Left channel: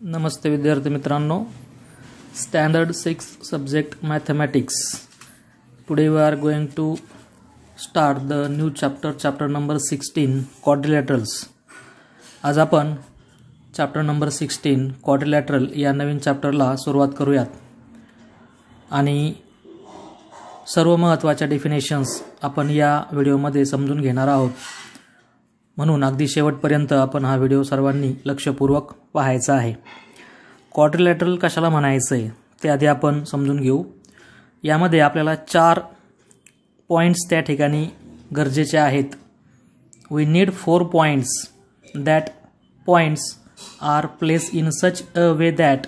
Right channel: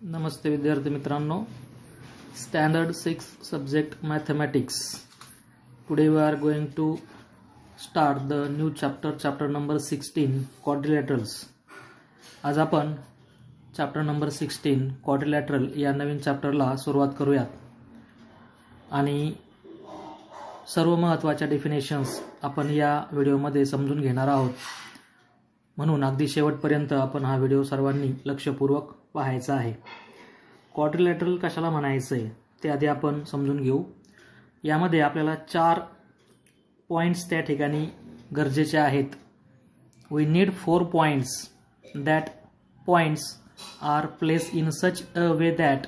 नमस्ते विद्यार्थी मित्रांनो, standard 6 subject mathematics. Today we are going to start the new chapter number 16 quadrilaterals. आज आपण chapter number 16 quadrilateral या नवीन चॅप्टरला सुरुवात करूयात आणि सर्व महत्त्वाच्या डेफिनेशन्स आपण या व्हिडिओमध्ये समजून घेणार आहोत. म्हणून अगदी शेवटपर्यंत आपण हा व्हिडिओ सर्वांनी लक्षपूर्वक पाहायचा आहे. क्वाड्रिलॅटरल कशाला म्हणायचं आहे ते आधी आपण समजून घेऊ. यामध्ये आपल्याला 4 पॉईंट्स त्या ठिकाणी गरजेचे आहेत. We need 4 points. That points are place in such a way that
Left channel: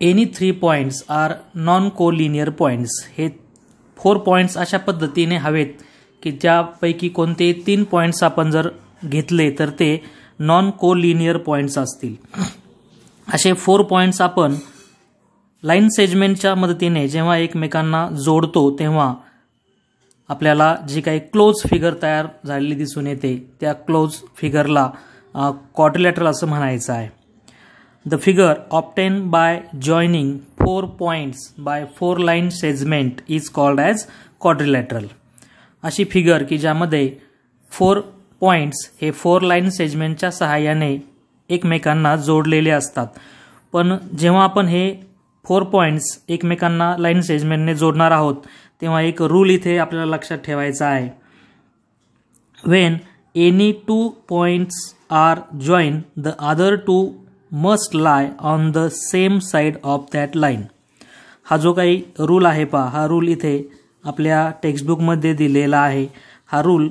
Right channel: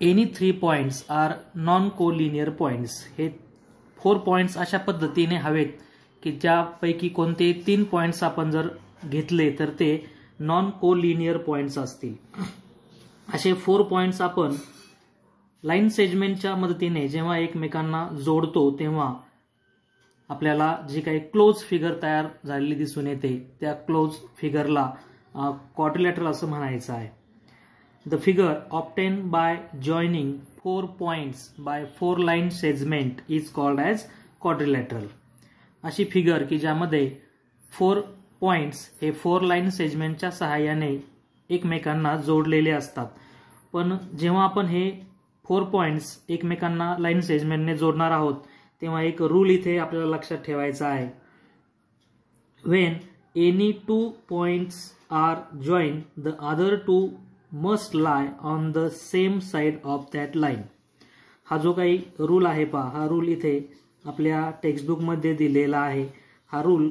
any 3 points are non collinear points. हे 4 पॉईंट्स अशा पद्धतीने हवेत की ज्यापैकी कोणते 3 पॉईंट्स आपण जर घेतले तर ते नॉन कोलिनियर पॉईंट्स असतील. असे 4 पॉईंट्स आपण लाईन सेगमेंटच्या मदतीने जेव्हा एकमेकांना जोडतो तेव्हा आपल्याला जी काही क्लोज फिगर तयार झालेली दिसून येते त्या क्लोज फिगरला क्वाड्रिलॅटरल असं म्हणायचं आहे. The figure obtain by joining 4 points by 4 line segment is called as quadrilateral. अशी फिगर की ज्यामध्ये 4 पॉईंट्स हे 4 लाईन सेगमेंटच्या सहाय्याने एकमेकांना जोडलेले असतात. पण जेव्हा आपण हे 4 पॉईंट्स एकमेकांना लाईन सेगमेंटने जोडणार आहोत तेव्हा एक रूल इथे आपल्याला लक्षात ठेवायचा आहे. When any 2 points are join the other 2 must lie on the same side of that line. हा जो काही रूल आहे पहा, हा रूल इथे आपल्या टेक्स्टबुकमध्ये दिलेला आहे. हा रूल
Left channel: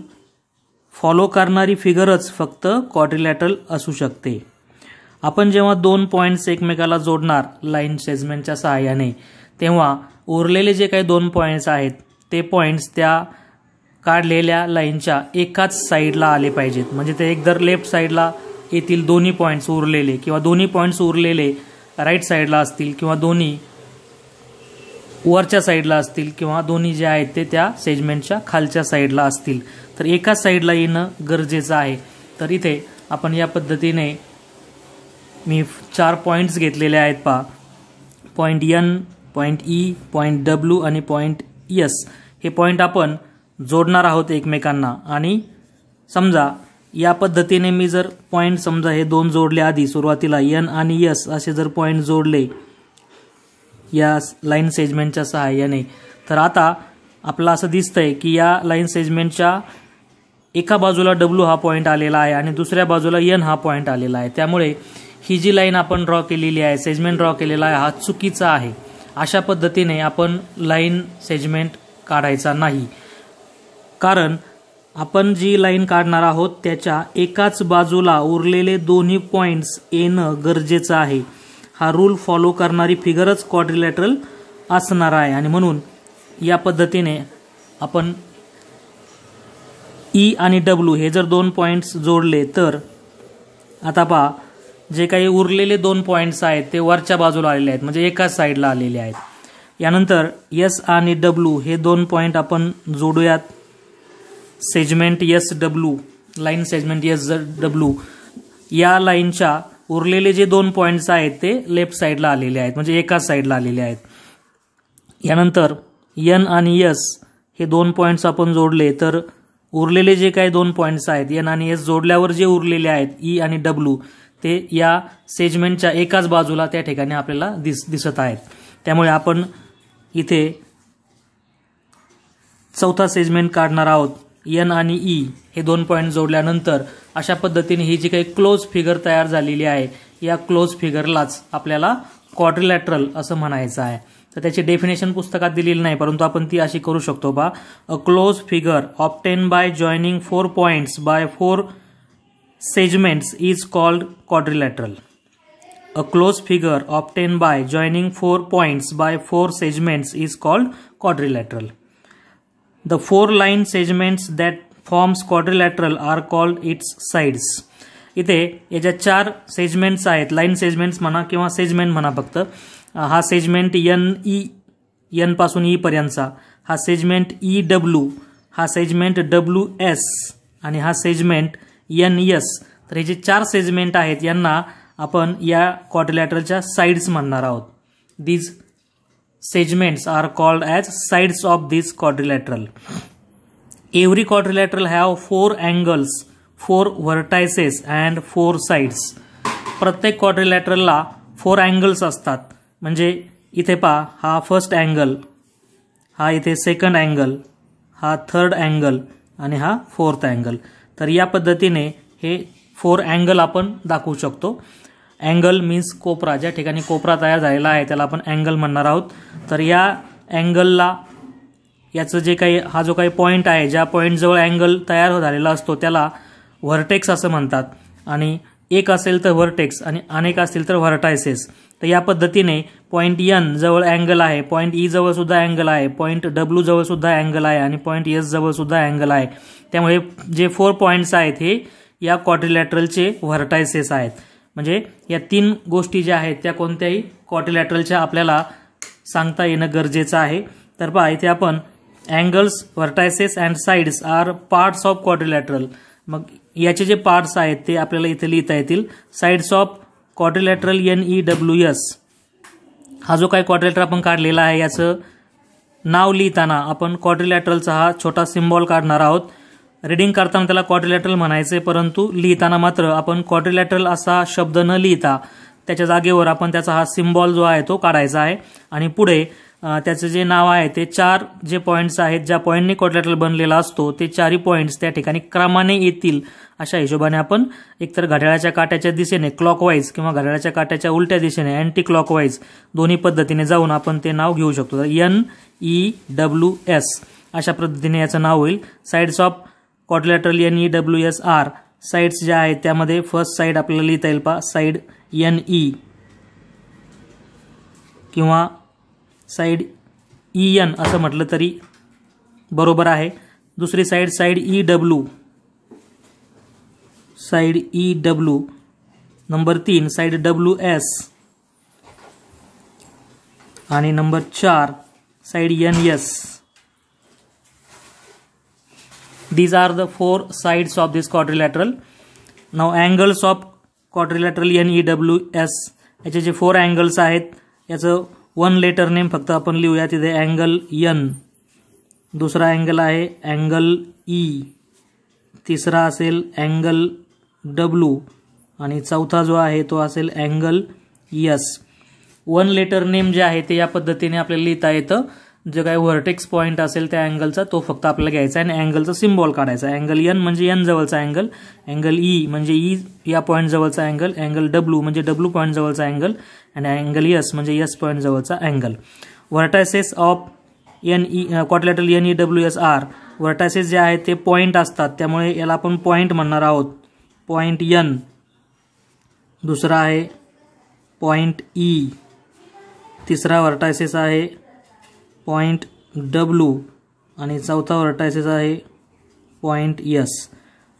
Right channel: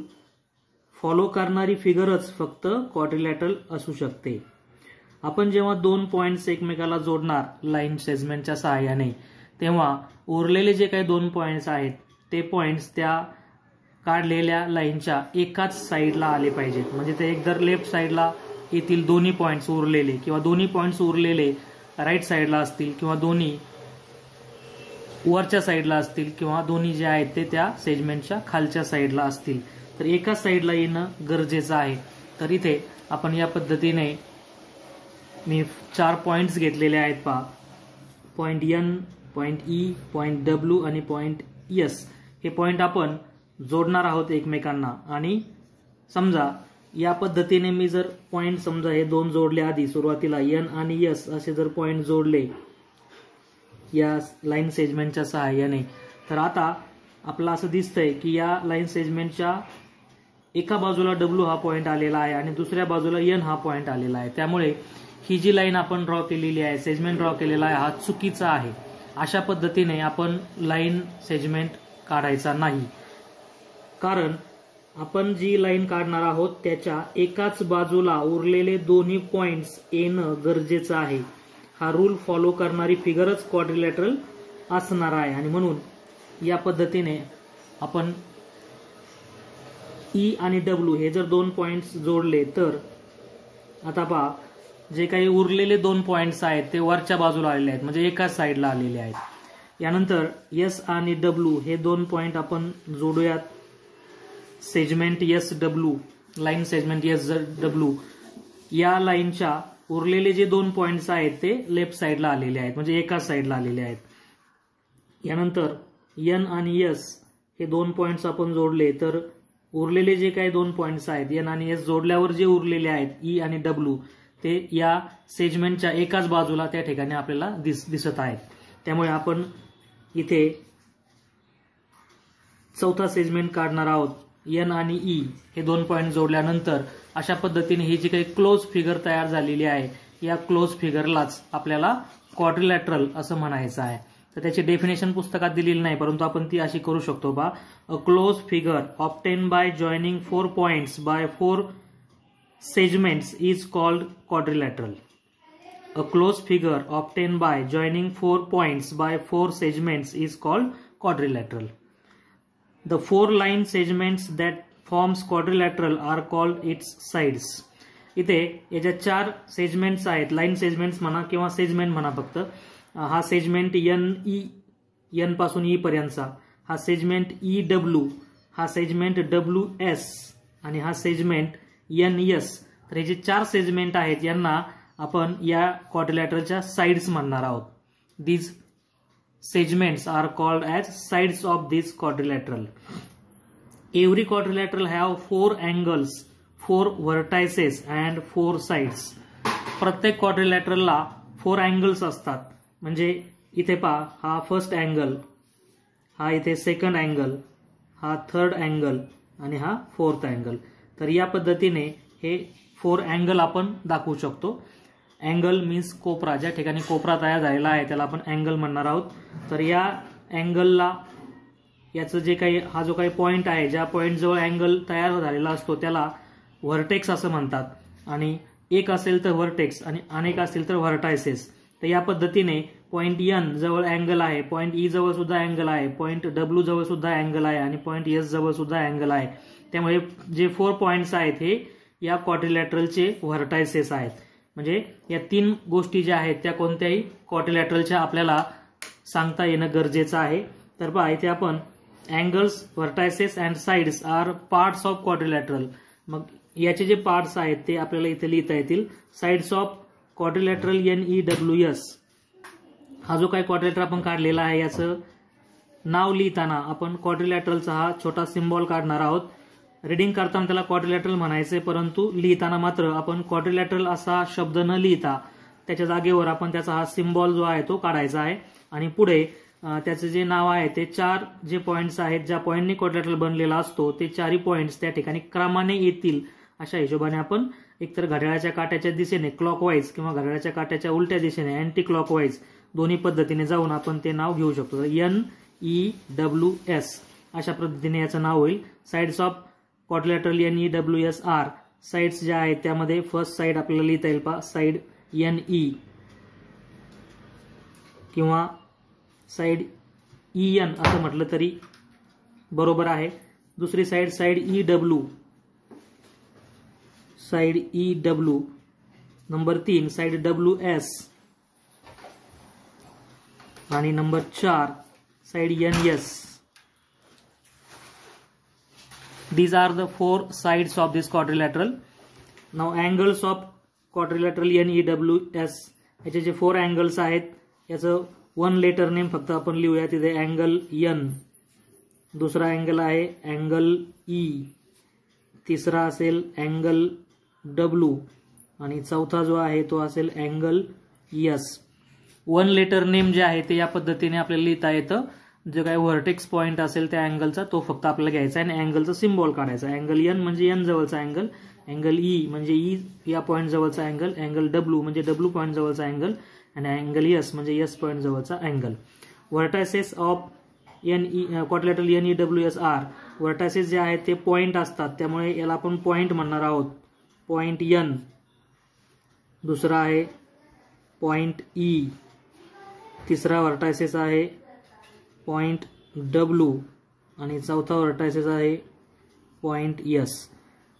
फॉलो करणारी फिगरच फक्त क्वाड्रिलॅटरल असू शकते. आपण जेव्हा 2 पॉईंट्स एकमेकाला जोडणार लाईन सेगमेंटच्या सहाय्याने तेव्हा उरलेले जे काही 2 पॉईंट्स आहेत ते पॉईंट्स त्या काढलेल्या लाईनच्या एकाच साईडला आले पाहिजेत. म्हणजे ते एकतर लेफ्ट साईडला येतील दोन्ही पॉईंट्स उरलेले, किंवा दोन्ही पॉईंट्स उरलेले राईट साईडला असतील, किंवा दोन्ही वरच्या साईडला असतील, किंवा दोन्ही जे आहेत ते त्या सेगमेंटच्या खालच्या साईडला असतील. तर एकाच साईडला येणं गरजेचं आहे. तर इथे आपण या पद्धतीने मी 4 पॉईंट्स घेतलेले आहेत पहा. Point N, point E, point W आणि पॉईंट एस. हे पॉईंट आपण जोडणार आहोत एकमेकांना. आणि समजा या पद्धतीने मी जर पॉईंट समजा हे 2 जोडले आधी सुरुवातीला एन आणि एस असे जर पॉईंट जोडले या लाईन सेगमेंटच्या सहाय्याने, तर आता आपलं असं दिसतंय की या लाईन सेगमेंटच्या एका बाजूला डब्ल्यू हा पॉईंट आलेला आहे आणि दुसऱ्या बाजूला एन हा पॉईंट आलेला आहे. त्यामुळे ही जी लाईन आपण ड्रॉ केलेली आहे, सेगमेंट ड्रॉ केलेला आहे, हा चुकीचा आहे. अशा पद्धतीने आपण लाईन सेगमेंट काढायचा नाही. कारण आपण जी लाईन काढणार आहोत त्याच्या एकाच बाजूला उरलेले दोन्ही पॉईंट्स येणं गरजेचं आहे. हा रूल फॉलो करणारी फिगरच क्वाड्रिलॅटरल असणार आहे. आणि म्हणून या पद्धतीने आपण ई आणि डब्ल्यू हे जर 2 पॉईंट्स जोडले तर आता पहा जे काही उरलेले 2 पॉईंट्स आहेत ते वरच्या बाजूला आलेले आहेत, म्हणजे एकाच साईडला आलेले आहेत. यानंतर एस आणि डब्ल्यू हे 2 पॉईंट आपण जोडूयात. Segment S W, line segment S W या लाईनच्या उरलेले जे 2 पॉईंट्स आहेत ते लेफ्ट साईडला आलेले आहेत, म्हणजे एकाच साईडला आलेले आहेत. यानंतर एन आणि एस हे 2 पॉईंट्स आपण जोडले तर उरलेले जे काही 2 पॉईंट्स आहेत एन आणि एस जोडल्यावर जे उरलेले आहेत ई आणि डब्ल्यू ते या सेगमेंटच्या एकाच बाजूला त्या ठिकाणी आपल्याला दिसत आहेत. त्यामुळे आपण इथे चौथा सेगमेंट काढणार आहोत. एन आणि ई हे 2 पॉईंट जोडल्यानंतर अशा पद्धतीने ही जी काही क्लोज फिगर तयार झालेली आहे या क्लोज फिगरलाच आपल्याला क्वाड्रिलॅटरल असं म्हणायचं आहे. तर त्याची डेफिनेशन पुस्तकात दिलेली नाही, परंतु आपण ती अशी करू शकतो बा. A close figure obtain by joining 4 points by 4 segments is called quadrilateral. A close figure obtain by joining 4 points by 4 segments is called quadrilateral. The 4 line segments that forms quadrilateral are called its sides. इथे याच्या 4 segments आहेत, line segments म्हणा किंवा segment म्हणा फक्त. हा segment N E, N पासून E पर्यंतचा, हा सेगमेंट ई डब्ल्यू, हा सेगमेंट डब्ल्यू एस आणि हा सेगमेंट एन एस. तर हे जे 4 सेगमेंट आहेत यांना आपण या क्वाड्रिलॅटरलच्या साइड्स म्हणणार आहोत. These segments are called as sides of this quadrilateral. Every quadrilateral have 4 angles, 4 vertices and 4 sides. प्रत्येक क्वाड्रिलॅटरलला 4 अँगल्स असतात. म्हणजे इथे पहा, हा फर्स्ट अँगल, हा इथे सेकंड अँगल, हा थर्ड अँगल आणि हा फोर्थ अँगल. तर या पद्धतीने हे 4 अँगल आपण दाखवू शकतो. अँगल मीन्स कोपरा, ज्या ठिकाणी कोपरा तयार झालेला आहे त्याला आपण अँगल म्हणणार आहोत. तर या अँगलला याचं जे काही हा जो काही पॉईंट आहे, ज्या पॉईंटजवळ अँगल तयार झालेला असतो त्याला व्हर्टेक्स असं म्हणतात. आणि एक असेल तर व्हर्टेक्स आणि अनेक असतील तर व्हर्टायसेस. तर या पद्धतीने पॉईंट एन जवळ अँगल आहे, पॉईंट ई जवळ सुद्धा अँगल आहे, पॉईंट डब्ल्यू जवळ सुद्धा अँगल आहे आणि पॉईंट एस जवळ सुद्धा अँगल आहे. त्यामुळे जे 4 पॉईंट्स आहेत हे या क्वाड्रिलॅटरलचे व्हर्टायसेस आहेत. म्हणजे या 3 गोष्टी ज्या आहेत त्या कोणत्याही क्वाड्रिलॅटरलच्या आपल्याला सांगता येणं गरजेचं आहे. तर पहा, इथे आपण angles, vertices and sides are parts of quadrilateral. मग याचे जे पार्ट्स आहेत ते आपल्याला इथे लिहिता येतील. Sides of quadrilateral NEWS. हा जो काही क्वाड्रिलॅटर आपण काढलेला आहे याचं नाव लिहिताना आपण क्वाड्रिलॅटरलचा हा छोटा सिम्बॉल काढणार आहोत. रीडिंग करताना त्याला क्वाड्रिलॅटरल म्हणायचे, परंतु लिहिताना मात्र आपण क्वाड्रिलॅटरल असा शब्द न लिहिता त्याच्या जागेवर आपण त्याचा हा सिम्बॉल जो आहे तो काढायचा आहे. आणि पुढे त्याचं जे नाव आहे ते 4 जे पॉईंट्स आहेत, ज्या पॉईंटने क्वाड्रिलॅटरल बनलेला असतो ते 4ही पॉईंट्स त्या ठिकाणी क्रमाने येतील अशा हिशोबाने आपण एकतर घड्याळाच्या काट्याच्या दिशेने क्लॉकवाईज किंवा घड्याळाच्या काट्याच्या उलट्या दिशेने अँटी क्लॉकवाईज दोन्ही पद्धतीने जाऊन आपण ते नाव घेऊ शकतो. NEWS अशा पद्धतीने याचं नाव होईल. Sides of quadrilateral NEWS are. Sides ज्या आहेत त्यामध्ये फर्स्ट साइड आपल्याला लिहिता येईल पहा, साइड NE किंवा साइड EN असं म्हटलं तरी बरोबर आहे. दुसरी side EW, side EW. Number 3 side WS आणि number 4 side NS. These are the 4 sides of this quadrilateral. Now angles of quadrilateral NEWS. याचे जे 4 अँगल्स आहेत याचं 1 लेटर नेम फक्त आपण लिहूया. तिथे अँगल N, दुसरा अँगल आहे अँगल E, तिसरा असेल अँगल W आणि चौथा जो आहे तो असेल अँगल S. 1 लेटर नेम जे आहे ते या पद्धतीने आपल्याला लिहिता येतं. जे काही व्हर्टेक्स पॉईंट असेल त्या अँगलचा तो फक्त आपल्याला घ्यायचा आणि अँगलचा सिम्बॉल काढायचा. अँगल N म्हणजे N जवळचा अँगल, अँगल E म्हणजे E या पॉईंट जवळचा अँगल, अँगल W म्हणजे W पॉईंट जवळचा अँगल आणि अँगल S म्हणजे S पॉईंट जवळचा angle. Vertices of quadrilateral NEWS are. Vertices जे आहेत ते पॉईंट असतात त्यामुळे याला आपण पॉईंट म्हणणार आहोत. पॉईंट N, दुसरा आहे पॉईंट E, तिसरा व्हर्टायसेस आहे पॉईंट W आणि चौथा व्हर्टायसेस आहे point S.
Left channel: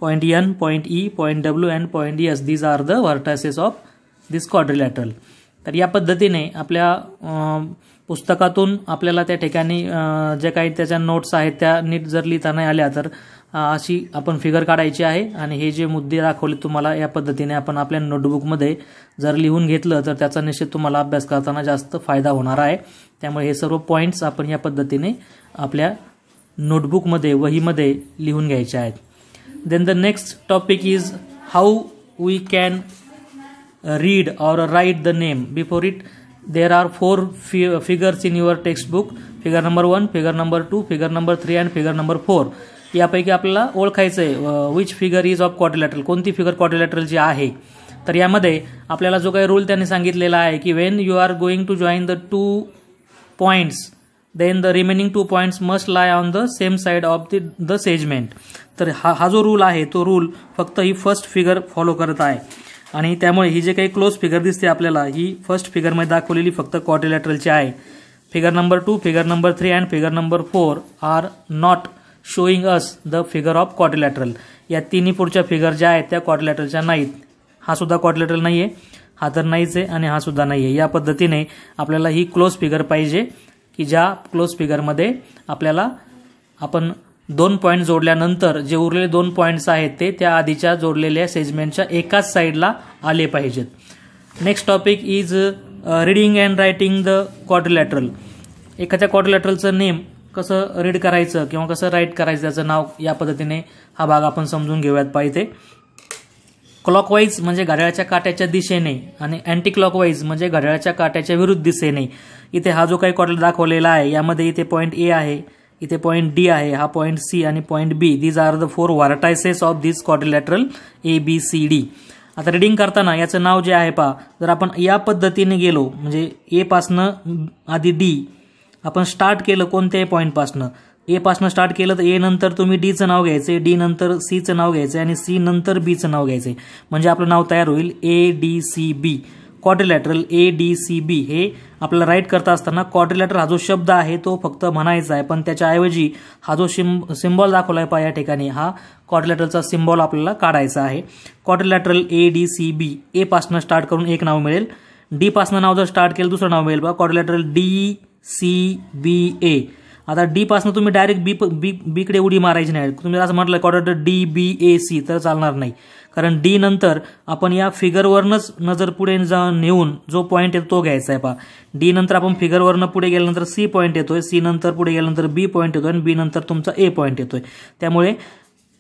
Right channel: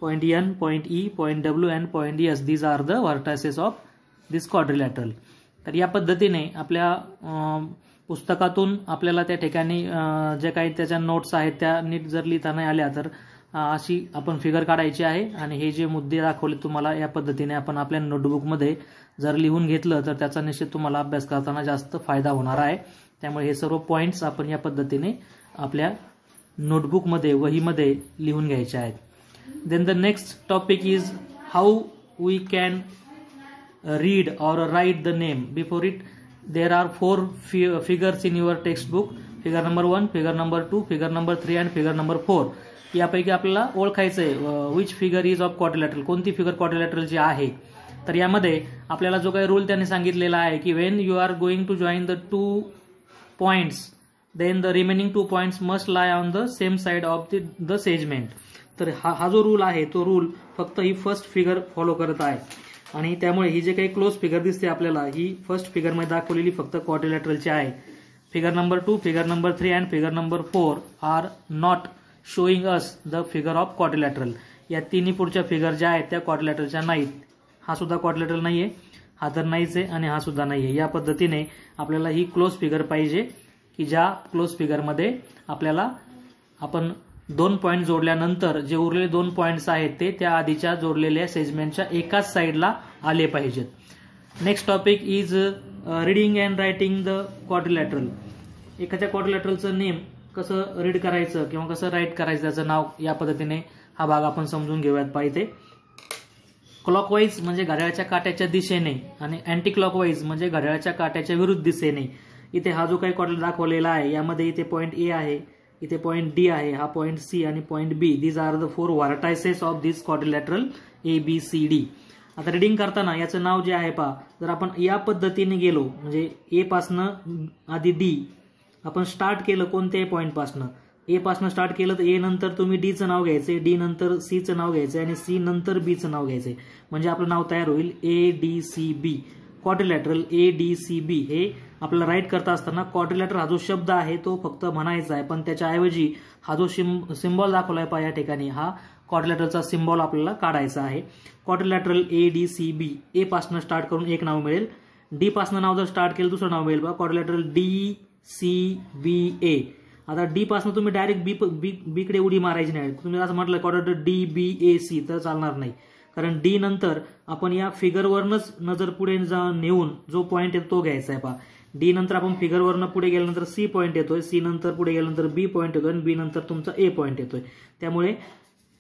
Point N, point E, point W and point S. These are the vertices of this quadrilateral. तर या पद्धतीने आपल्या पुस्तकातून आपल्याला त्या ठिकाणी जे काही त्याच्या नोट्स आहेत त्या नीट जर लिहिता नाही आल्या तर अशी आपण फिगर काढायची आहे. आणि हे जे मुद्दे दाखवले तुम्हाला या पद्धतीने आपण आपल्या नोटबुकमध्ये जर लिहून घेतलं तर त्याचा निश्चित तुम्हाला अभ्यास करताना जास्त फायदा होणार आहे. त्यामुळे हे सर्व पॉईंट्स आपण या पद्धतीने आपल्या नोटबुकमध्ये, वहीमध्ये लिहून घ्यायचे आहेत. Then the next topic is how we can read or write the name. Before it there are 4 figures in your textbook. Figure number 1, figure number 2, figure number 3 and figure number 4. यापैकी आपल्याला ओळखायचं आहे which figure is of quadrilateral, कोणती figure क्वाड्रिलॅटरलची आहे. तर यामध्ये आपल्याला जो काही रूल त्यांनी सांगितलेला आहे की when you are going to join the 2 points then the remaining 2 points must lie on the same side of the segment. तर हा जो रूल आहे तो रूल फक्त ही फर्स्ट फिगर फॉलो करत आहे आणि त्यामुळे ही जे काही क्लोज फिगर दिसते आपल्याला ही फर्स्ट फिगरमध्ये दाखवलेली फक्त क्वाड्रिलॅटरलची आहे. Figure number 2, figure number 3 and figure number 4 are not showing us the figure of quadrilateral. या तिन्ही पुढच्या फिगर ज्या आहेत त्या क्वाड्रिलॅटरलच्या नाहीत. हा सुद्धा क्वाड्रिलॅटरल नाही आहे, हा तर नाहीच आहे आणि हा सुद्धा नाही आहे. या पद्धतीने आपल्याला ही क्लोज फिगर पाहिजे की ज्या क्लोज फिगरमध्ये आपल्याला आपण 2 पॉईंट जोडल्यानंतर जे उरलेले 2 पॉईंट्स आहेत ते त्या आधीच्या जोडलेल्या सेगमेंटच्या एकाच साईडला आले पाहिजेत. Next topic is reading and writing the quadrilateral. एखाद्या क्वाड्रिलॅटरलचं नेम कसं रीड करायचं किंवा कसं राईट करायचं त्याचं नाव या पद्धतीने हा भाग आपण समजून घेऊयात पाहिजे. क्लॉकवाईज म्हणजे घड्याळाच्या काट्याच्या दिशेने आणि अँटी क्लॉकवाईज म्हणजे घड्याळाच्या काट्याच्या विरुद्ध दिशेने. इथे हा जो काही क्वाड्रिलॅटर दाखवलेला आहे यामध्ये इथे पॉईंट ए आहे, इथे पॉईंट डी आहे, हा पॉईंट सी आणि point B. These are the 4 vertices of this quadrilateral ABCD. आता रीडिंग करताना याचं नाव जे आहे पहा, जर आपण या पद्धतीने गेलो म्हणजे ए पासनं आधी डी आपण स्टार्ट केलं कोणत्याही पॉईंटपासनं, ए पासनं स्टार्ट केलं तर ए नंतर तुम्ही डीचं नाव घ्यायचं, डी नंतर सीचं नाव घ्यायचं आणि सी नंतर बीचं नाव घ्यायचं. म्हणजे आपलं नाव तयार होईल ADCB. Quadrilateral ADCB. हे आपल्याला राईट करता असताना क्वाड्रिलॅटर हा जो शब्द आहे तो फक्त म्हणायचा आहे, पण त्याच्याऐवजी हा जो सिम्बॉल दाखवला आहे पहा या ठिकाणी, हा क्वाड्रिलॅटरलचा सिम्बॉल आपल्याला काढायचा आहे. Quadrilateral ADCB. ए पासनं स्टार्ट करून एक नाव मिळेल, डी पासनं नाव जर स्टार्ट केलं दुसरं नाव मिळेल पहा, क्वाड्रिलॅटरल DCBA. आता डी पासनं तुम्ही डायरेक्ट बी कडे उडी मारायची नाही. तुम्ही असं म्हटलं क्वाड्रिलॅटर DBAC तर चालणार नाही, कारण डी नंतर आपण या फिगरवरनच नजर पुढे नेऊन जो पॉईंट येतो तो घ्यायचा आहे पहा. डी नंतर आपण फिगरवरनं पुढे गेल्यानंतर सी पॉईंट येतोय, सी नंतर पुढे गेल्यानंतर बी पॉईंट येतोय आणि बी नंतर तुमचा ए पॉईंट येतोय. त्यामुळे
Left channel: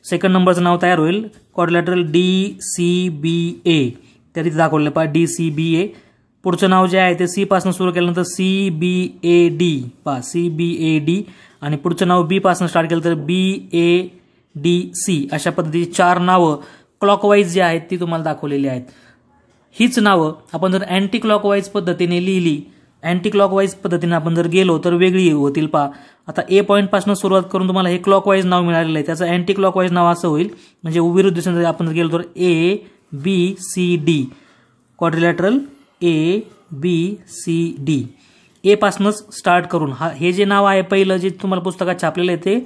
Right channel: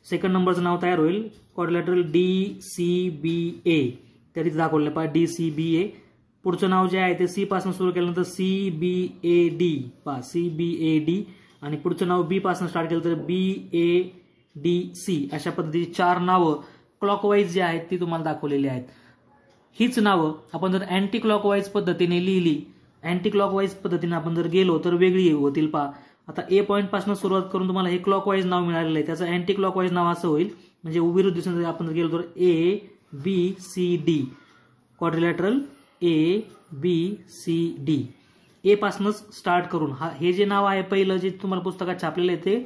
सेकंड नंबरचं नाव तयार होईल क्वाड्रिलॅटरल DCBA. तरी दाखवलं पहा DCBA. पुढचं नाव जे आहे ते सी पासून सुरू केल्यानंतर CBAD पहा, CBAD. आणि पुढचं नाव बी पासून स्टार्ट केलं तर BADC. अशा पद्धतीची 4 नावं क्लॉकवाईज जी आहेत ती तुम्हाला दाखवलेली आहेत. हीच नावं आपण जर अँटी क्लॉकवाईज पद्धतीने लिहिली, अँटी क्लॉकवाईज पद्धतीने आपण जर गेलो तर वेगळी होतील पहा. आता ए पॉईंटपासून सुरुवात करून तुम्हाला हे क्लॉकवाईज नाव मिळालेलं आहे, त्याचं अँटी क्लॉकवाईज नाव असं होईल. म्हणजे विरुद्ध दिशेने आपण जर गेलो तर ABCD. Quadrilateral ABCD. ए पासूनच स्टार्ट करून हे जे नाव आहे पहिलं जे तुम्हाला पुस्तकात छापलेलं आहे ते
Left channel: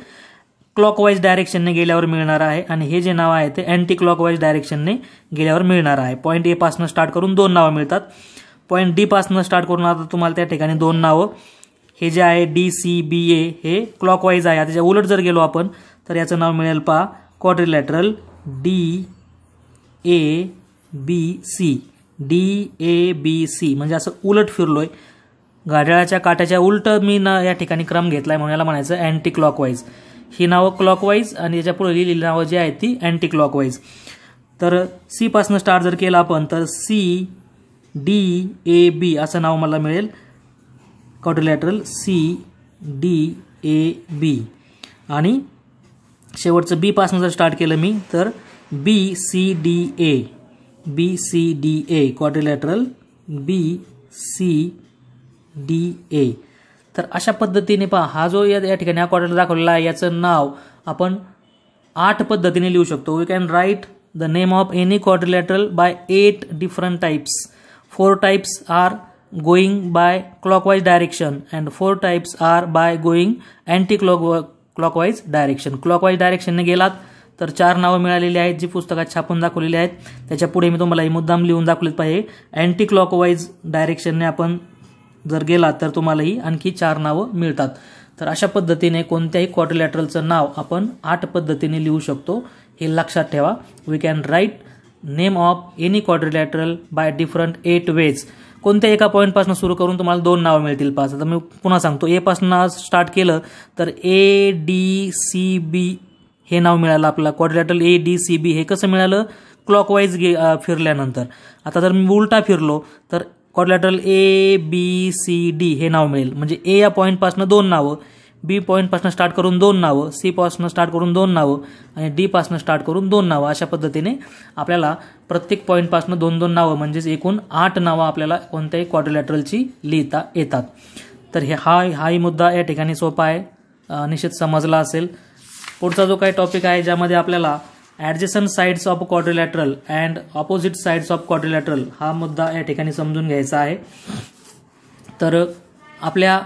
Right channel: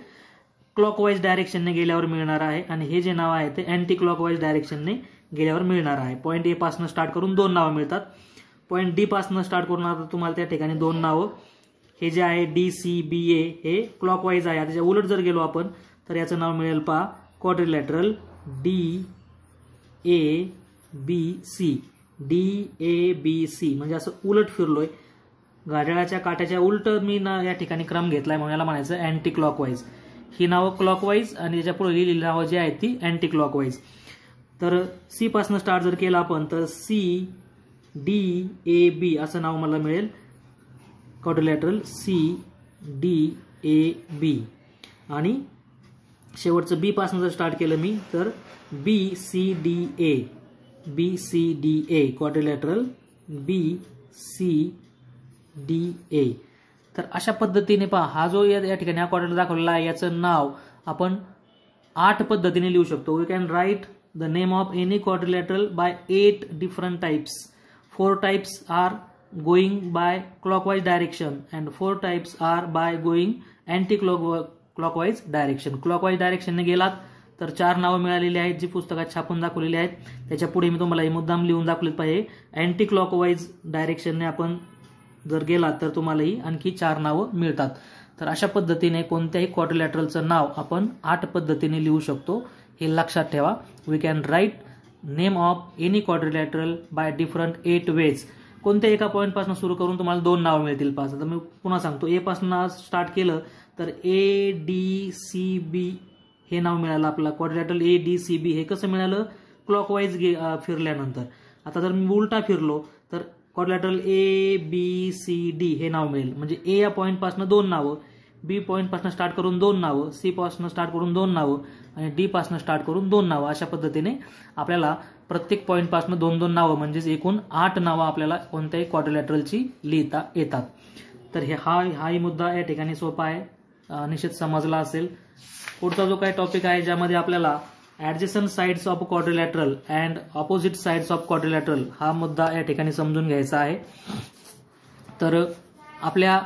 क्लॉकवाईज डायरेक्शनने गेल्यावर मिळणार आहे आणि हे जे नाव आहे ते अँटी क्लॉकवाईज डायरेक्शनने गेल्यावर मिळणार आहे. पॉईंट ए पासून स्टार्ट करून 2 नावं मिळतात. पॉईंट डी पासून स्टार्ट करून आता तुम्हाला त्या ठिकाणी 2 नावं. हे जे आहे DCBA हे क्लॉकवाईज आहे. त्याच्या उलट जर गेलो आपण तर याचं नाव मिळेल पहा क्वाड्रिलॅटरल DABC. DABC म्हणजे असं उलट फिरलोय, घड्याळाच्या काट्याच्या उलट मी या ठिकाणी क्रम घेतलाय म्हणून याला म्हणायचं अँटी क्लॉकवाईज. ही नावं क्लॉकवाईज आणि याच्या पुढे लिहिलेली नावं जी आहेत ती अँटी क्लॉकवाईज. तर सी पासून स्टार्ट जर केला आपण तर CDAB असं नाव मला मिळेल, क्वाड्रिलॅटरल CDAB. आणि शेवटचं बी पासून जर स्टार्ट केलं मी तर BCDA. Quadrilateral BCDA. तर अशा पद्धतीने पहा हा जो या ठिकाणी हा क्वाड्रिलॅटर दाखवलेला आहे याचं नाव आपण 8 पद्धतीने लिहू शकतो. We can write the name of any quadrilateral by 8 different types. 4 types are going by clockwise direction and 4 types are by going anti clockwise direction. Clockwise डायरेक्शनने गेलात तर 4 नावं मिळालेली आहेत जी पुस्तकात छापून दाखवलेली आहेत. त्याच्या पुढे मी तुम्हाला मुद्दाम लिहून दाखवलेत पाहिजे. अँटी क्लॉकवाईज डायरेक्शनने आपण जर गेलात तर तुम्हालाही आणखी 4 नावं मिळतात. तर अशा पद्धतीने कोणत्याही क्वाड्रिलॅटरलचं नाव आपण 8 पद्धतीने लिहू शकतो, हे लक्षात ठेवा. We can write name of any quadrilateral by different 8 ways. कोणत्या एका पॉईंटपासून सुरू करून तुम्हाला 2 नावं मिळतील 5. आता मी पुन्हा सांगतो, ए पासून स्टार्ट केलं तर ADCB हे नाव मिळालं आपल्याला. क्वाड्रिलॅटरल ADCB हे कसं मिळालं, क्लॉकवाईज फिरल्यानंतर. आता जर मी उलटा फिरलो तर क्वाड्रिलॅटरल ABCD हे नाव मिळेल. म्हणजे ए या पॉईंटपासून 2 नावं, बी पॉईंटपासून स्टार्ट करून 2 नावं, सी पासून स्टार्ट करून 2 नावं आणि डी पासून स्टार्ट करून 2 नावं. अशा पद्धतीने आपल्याला प्रत्येक पॉईंटपासून 2-2 नावं म्हणजेच एकूण 8 नावं आपल्याला कोणत्याही क्वाड्रिलॅटरलची लिहिता येतात. तर हाही मुद्दा या ठिकाणी सोपा आहे, निश्चित समजला असेल. पुढचा जो काही टॉपिक आहे ज्यामध्ये आपल्याला adjacent sides of quadrilateral and opposite sides of quadrilateral हा मुद्दा या ठिकाणी समजून घ्यायचा आहे. तर आपल्या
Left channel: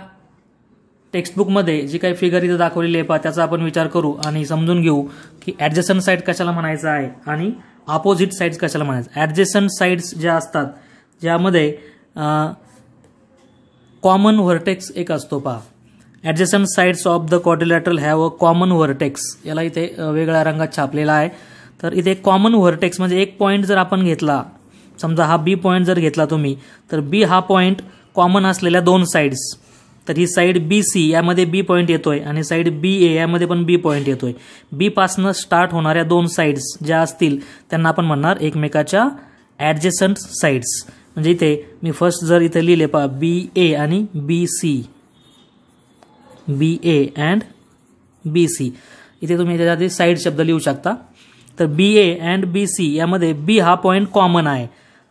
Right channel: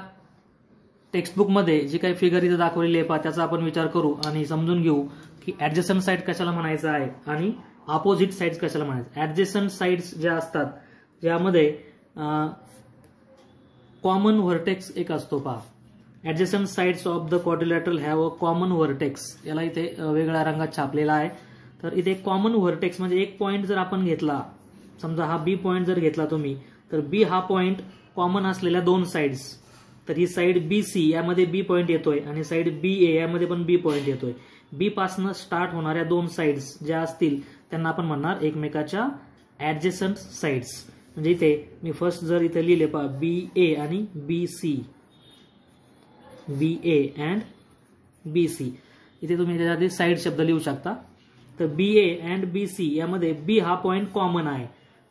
टेक्स्टबुकमध्ये जी काही फिगर इथं दाखवलेली आहे त्याचा आपण विचार करू आणि समजून घेऊ की ॲडजसंट साइड कशाला म्हणायचं आहे आणि ऑपोजिट साइड्स कशाला म्हणायचं. ॲडजसंट साइड्स ज्या असतात ज्यामध्ये कॉमन व्हर्टेक्स एक असतो पहा. Adjacent sides of the quadrilateral have a common vertex. याला इथे वेगळ्या रंगात छापलेला आहे. तर इथे कॉमन व्हर्टेक्स म्हणजे एक पॉईंट जर आपण घेतला समजा हा बी पॉईंट जर घेतला तुम्ही तर बी हा पॉईंट कॉमन असलेल्या दोन साइड्स, तर ही साइड बी सी यामध्ये बी पॉईंट येतोय आणि साइड बी ए यामध्ये पण बी पॉईंट येतोय. बी पासनं स्टार्ट होणाऱ्या दोन साइड्स ज्या असतील त्यांना आपण म्हणणार एकमेकाच्या ॲडजेसंट साइड्स. म्हणजे इथे मी फर्स्ट जर इथे लिहिले पहा बी ए आणि B C, B A and B C, इथे तुम्ही त्याच्या आधी साइड शब्द लिहू शकता. तर बी ए अँड बी सी यामध्ये बी हा पॉईंट कॉमन आहे.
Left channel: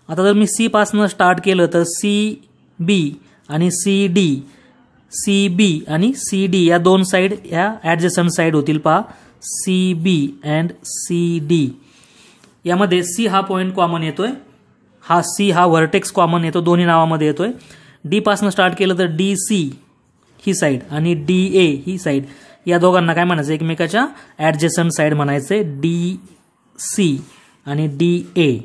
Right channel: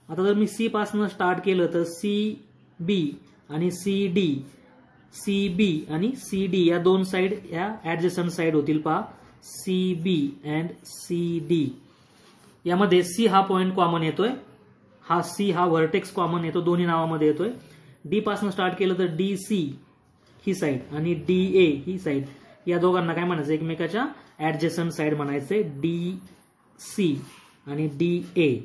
आता जर मी सी पासनं स्टार्ट केलं तर सी बी आणि सी डी, सी बी आणि सी डी या दोन साइड या ॲडजेसंट साइड होतील पहा, C B and C D. यामध्ये सी हा पॉईंट कॉमन येतोय, हा सी हा व्हर्टेक्स कॉमन येतो, दोन्ही नावामध्ये येतोय. डी पासनं स्टार्ट केलं तर डी सी ही साइड आणि डी ए ही साइड, या दोघांना काय म्हणायचं एकमेकाच्या ॲडजेसंट साइड म्हणायचे, डी सी आणि डी ए.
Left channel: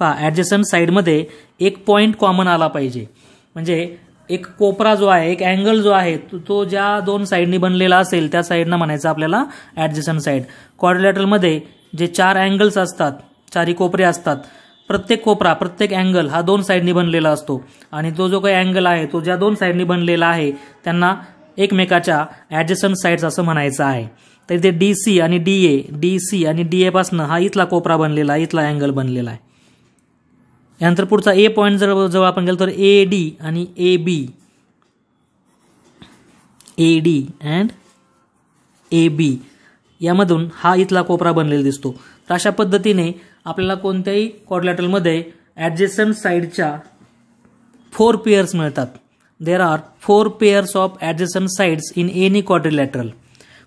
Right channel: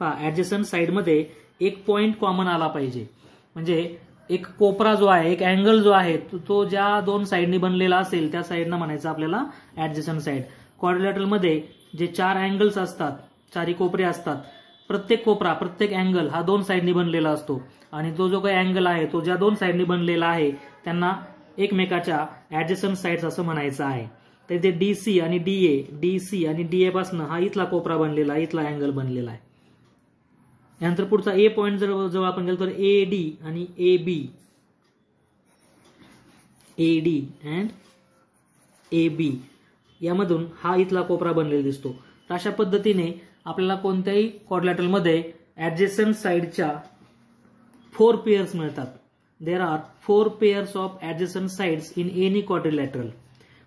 पहा ॲडजेसंट साइडमध्ये एक पॉईंट कॉमन आला पाहिजे. म्हणजे एक कोपरा जो आहे, एक अँगल जो आहे तो ज्या दोन साइडनी बनलेला असेल त्या साइडनं म्हणायचं आपल्याला ॲडजेसंट साइड. क्वाड्रिलॅटरलमध्ये जे चार अँगल्स असतात, चारी कोपरे असतात, प्रत्येक कोपरा प्रत्येक अँगल हा दोन साइडनी बनलेला असतो आणि तो जो काही अँगल आहे तो ज्या दोन साइडनी बनलेला आहे त्यांना एकमेकाच्या ॲडजेसंट साइड्स असं म्हणायचं आहे. तर इथे डी सी आणि डी ए, डी सी आणि डी ए पासनं हा इथला कोपरा बनलेला आहे, इथला अँगल बनलेला आहे. यानंतर पुढचा ए पॉईंट जर आपण गेलो तर ए डी आणि A B, A D and A B यामधून हा इथला कोपरा बनलेला दिसतो. तर अशा पद्धतीने आपल्याला कोणत्याही क्वाड्रिलॅटरलमध्ये ॲडजेसंट साइडच्या 4 पेयर्स मिळतात. There are 4 pairs of adjacent sides in any quadrilateral.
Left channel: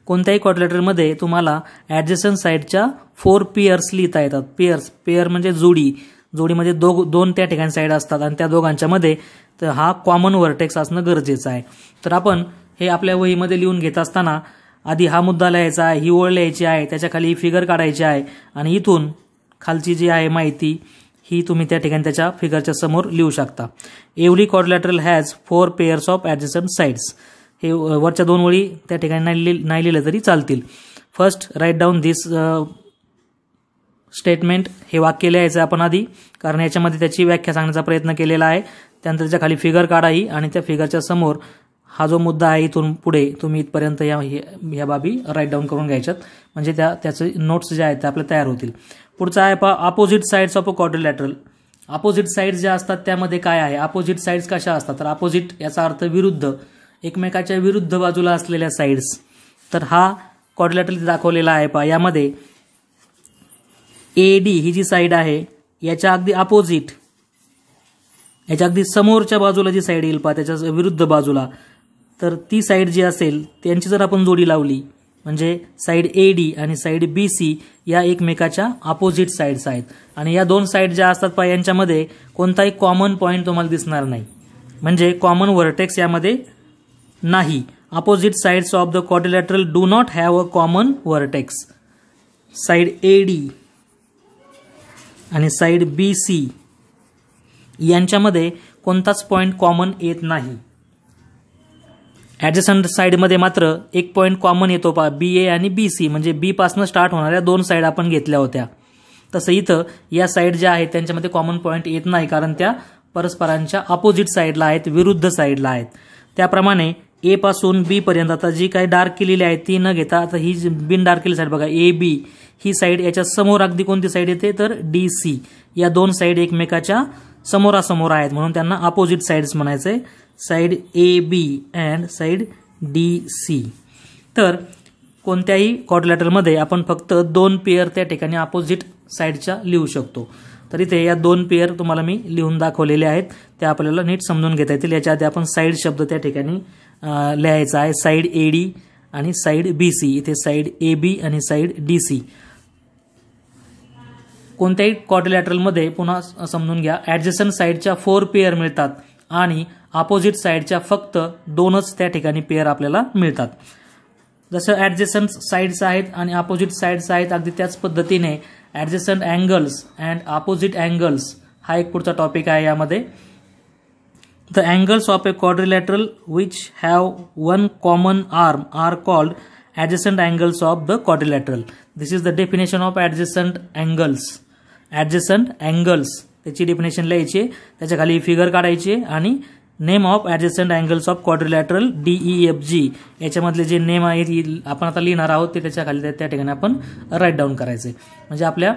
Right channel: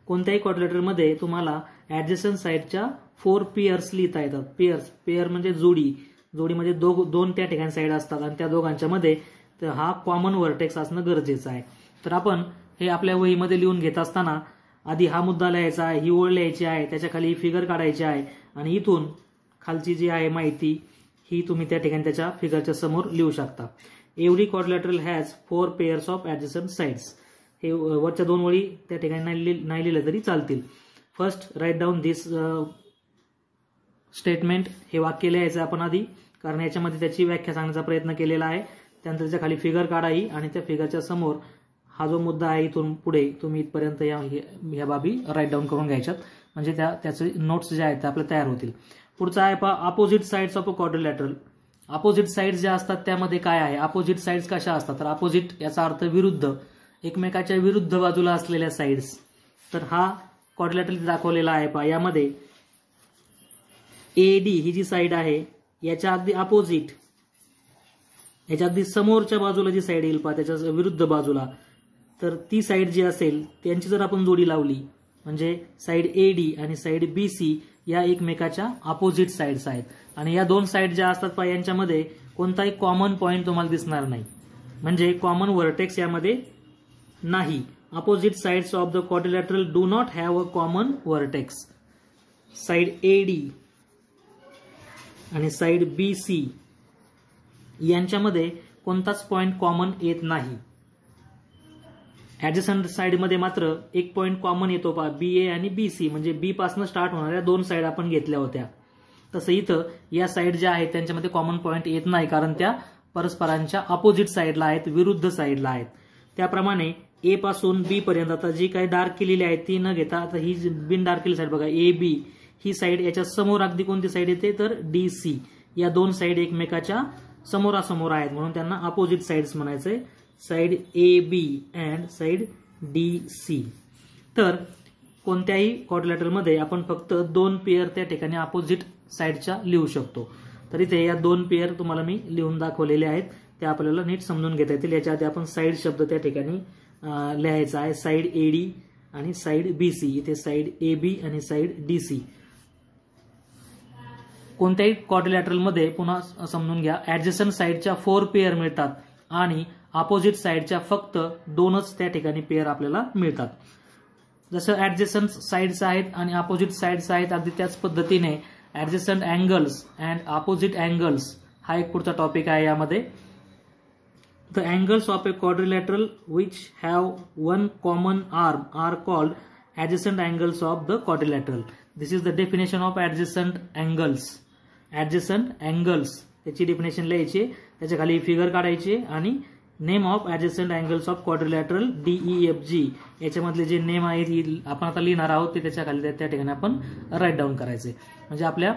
कोणत्याही क्वाड्रिलॅटरलमध्ये तुम्हाला ॲडजेसंट साइडच्या 4 पेयर्स लिहिता येतात. पेयर म्हणजे जोडी, जोडीमध्ये दोन त्या ठिकाणी साइड असतात आणि त्या दोघांच्या मध्ये तर हा कॉमन व्हर्टेक्स असणं गरजेचं आहे. तर आपण हे आपल्या वहीमध्ये लिहून घेत असताना आधी हा मुद्दा लिहायचा आहे, ही ओळ लिहायची आहे, त्याच्या खाली फिगर काढायची आहे आणि इथून खालची जी आहे माहिती ही तुम्ही त्या ठिकाणी त्याच्या फिगरच्या समोर लिहू शकता. Every quadrilateral has 4 pairs of adjacent sides. हे वरच्या दोन ओळी त्या ठिकाणी नाही लिहिलं तरी चालतील. फर्स्ट राईट डाऊन दिस स्टेटमेंट, हे वाक्य लिहायचं आपण आधी, कारण याच्यामध्ये त्याची व्याख्या सांगण्याचा प्रयत्न केलेला आहे. त्यानंतर त्याच्या खाली फिगर काढाही आणि त्या फिगरच्या समोर हा जो मुद्दा आहे इथून पुढे तुम्ही इथपर्यंत या बाबी राईट डाऊन करून घ्यायच्यात, म्हणजे त्याचे नोट्स जे आहेत ते आपले तयार होतील. पुढचा आहे पहा opposite sides of a quadrilateral. Opposite sides ज्या असतात त्यामध्ये काय आहे, अपोजिट साइड्स कशा असतात, तर अपोजिट याचा अर्थ विरुद्ध, एकमेकाच्या विरुद्ध बाजूला असलेल्या साइड्स. तर हा क्वाड्रिलॅटरल दाखवलेला आहे पहा. यामध्ये A D he G side आहे याच्या अगदी अपोजिट, याच्या अगदी समोरच्या बाजूला जी साइड येईल पहा त्याच्या विरुद्ध बाजूला, तर ती साइड जी असेल त्यांची जर आपण जोडी लावली म्हणजे साइड ए डी आणि साइड बी सी या एकमेकाच्या अपोजिट साइड्स आहेत. आणि या दोन साइड ज्या असतात पहा यांच्यामध्ये कोणताही कॉमन पॉईंट तुम्हाला दिसणार नाही, म्हणजे कॉमन व्हर्टेक्स यामध्ये नाही. Opposite sides of the quadrilateral do not have a common vertex. Side A D आणि साइड बी सी यांच्यामध्ये कोणताच पॉईंट कॉमन येत नाही. ॲडजसंट साइडमध्ये मात्र एक पॉईंट कॉमन येतो पहा, बी ए आणि बी सी, म्हणजे बी पासनं स्टार्ट होणाऱ्या दोन साइड आपण घेतल्या होत्या. तसं इथं या साइड ज्या आहेत त्यांच्यामध्ये कॉमन पॉईंट येत नाही, कारण त्या परस्परांच्या अपोजिट साइडला आहेत, विरुद्ध साइडला आहेत. त्याप्रमाणे ए पासून बी पर्यंत आता जी काही डार्क केलेली आहे ती न घेता आता ही बिन डार्क केलेली साइड बघा ए बी ही साइड, याच्या समोर अगदी कोणती साइड येते तर डी सी. या दोन साइड एकमेकाच्या समोरासमोर आहेत म्हणून त्यांना अपोजिट साइड्स म्हणायचे, side A B and side D C. तर कोणत्याही क्वाड्रिलॅटरलमध्ये आपण फक्त 2 पेयर त्या ठिकाणी अपोजिट साइडच्या लिहू शकतो. तर इथे या 2 पेयर तुम्हाला मी लिहून दाखवलेले आहेत, त्या आपल्याला नीट समजून घेता येतील. याच्या आधी आपण साइड शब्द त्या ठिकाणी लिहायचा आहे, साइड ए डी आणि साइड बी सी. इथे साइड ए बी आणि साइड डी सी. कोणत्याही क्वाड्रिलॅटरलमध्ये पुन्हा समजून घ्या, ॲडजसंट साइडच्या 4 पेयर मिळतात आणि अपोजिट साइडच्या फक्त 2च त्या ठिकाणी पेयर आपल्याला मिळतात. जसं ॲडजसंट साइड्स आहेत आणि अपोजिट साइड्स आहेत अगदी त्याच पद्धतीने adjacent angles and opposite angles हा एक पुढचा टॉपिक आहे. यामध्ये the angles of a quadrilateral which have one common arm are called adjacent angles of the quadrilateral. This is the definition of adjacent angles. Adjacent angles त्याची definition लिहायची, त्याच्या खाली figure काढायची आणि name of adjacent angles of quadrilateral DEFG याच्यामधले जे name आहेत आपण आता लिहिणार आहोत ते त्याच्या खाली त्या ठिकाणी आपण राईट डाऊन करायचे. म्हणजे आपल्या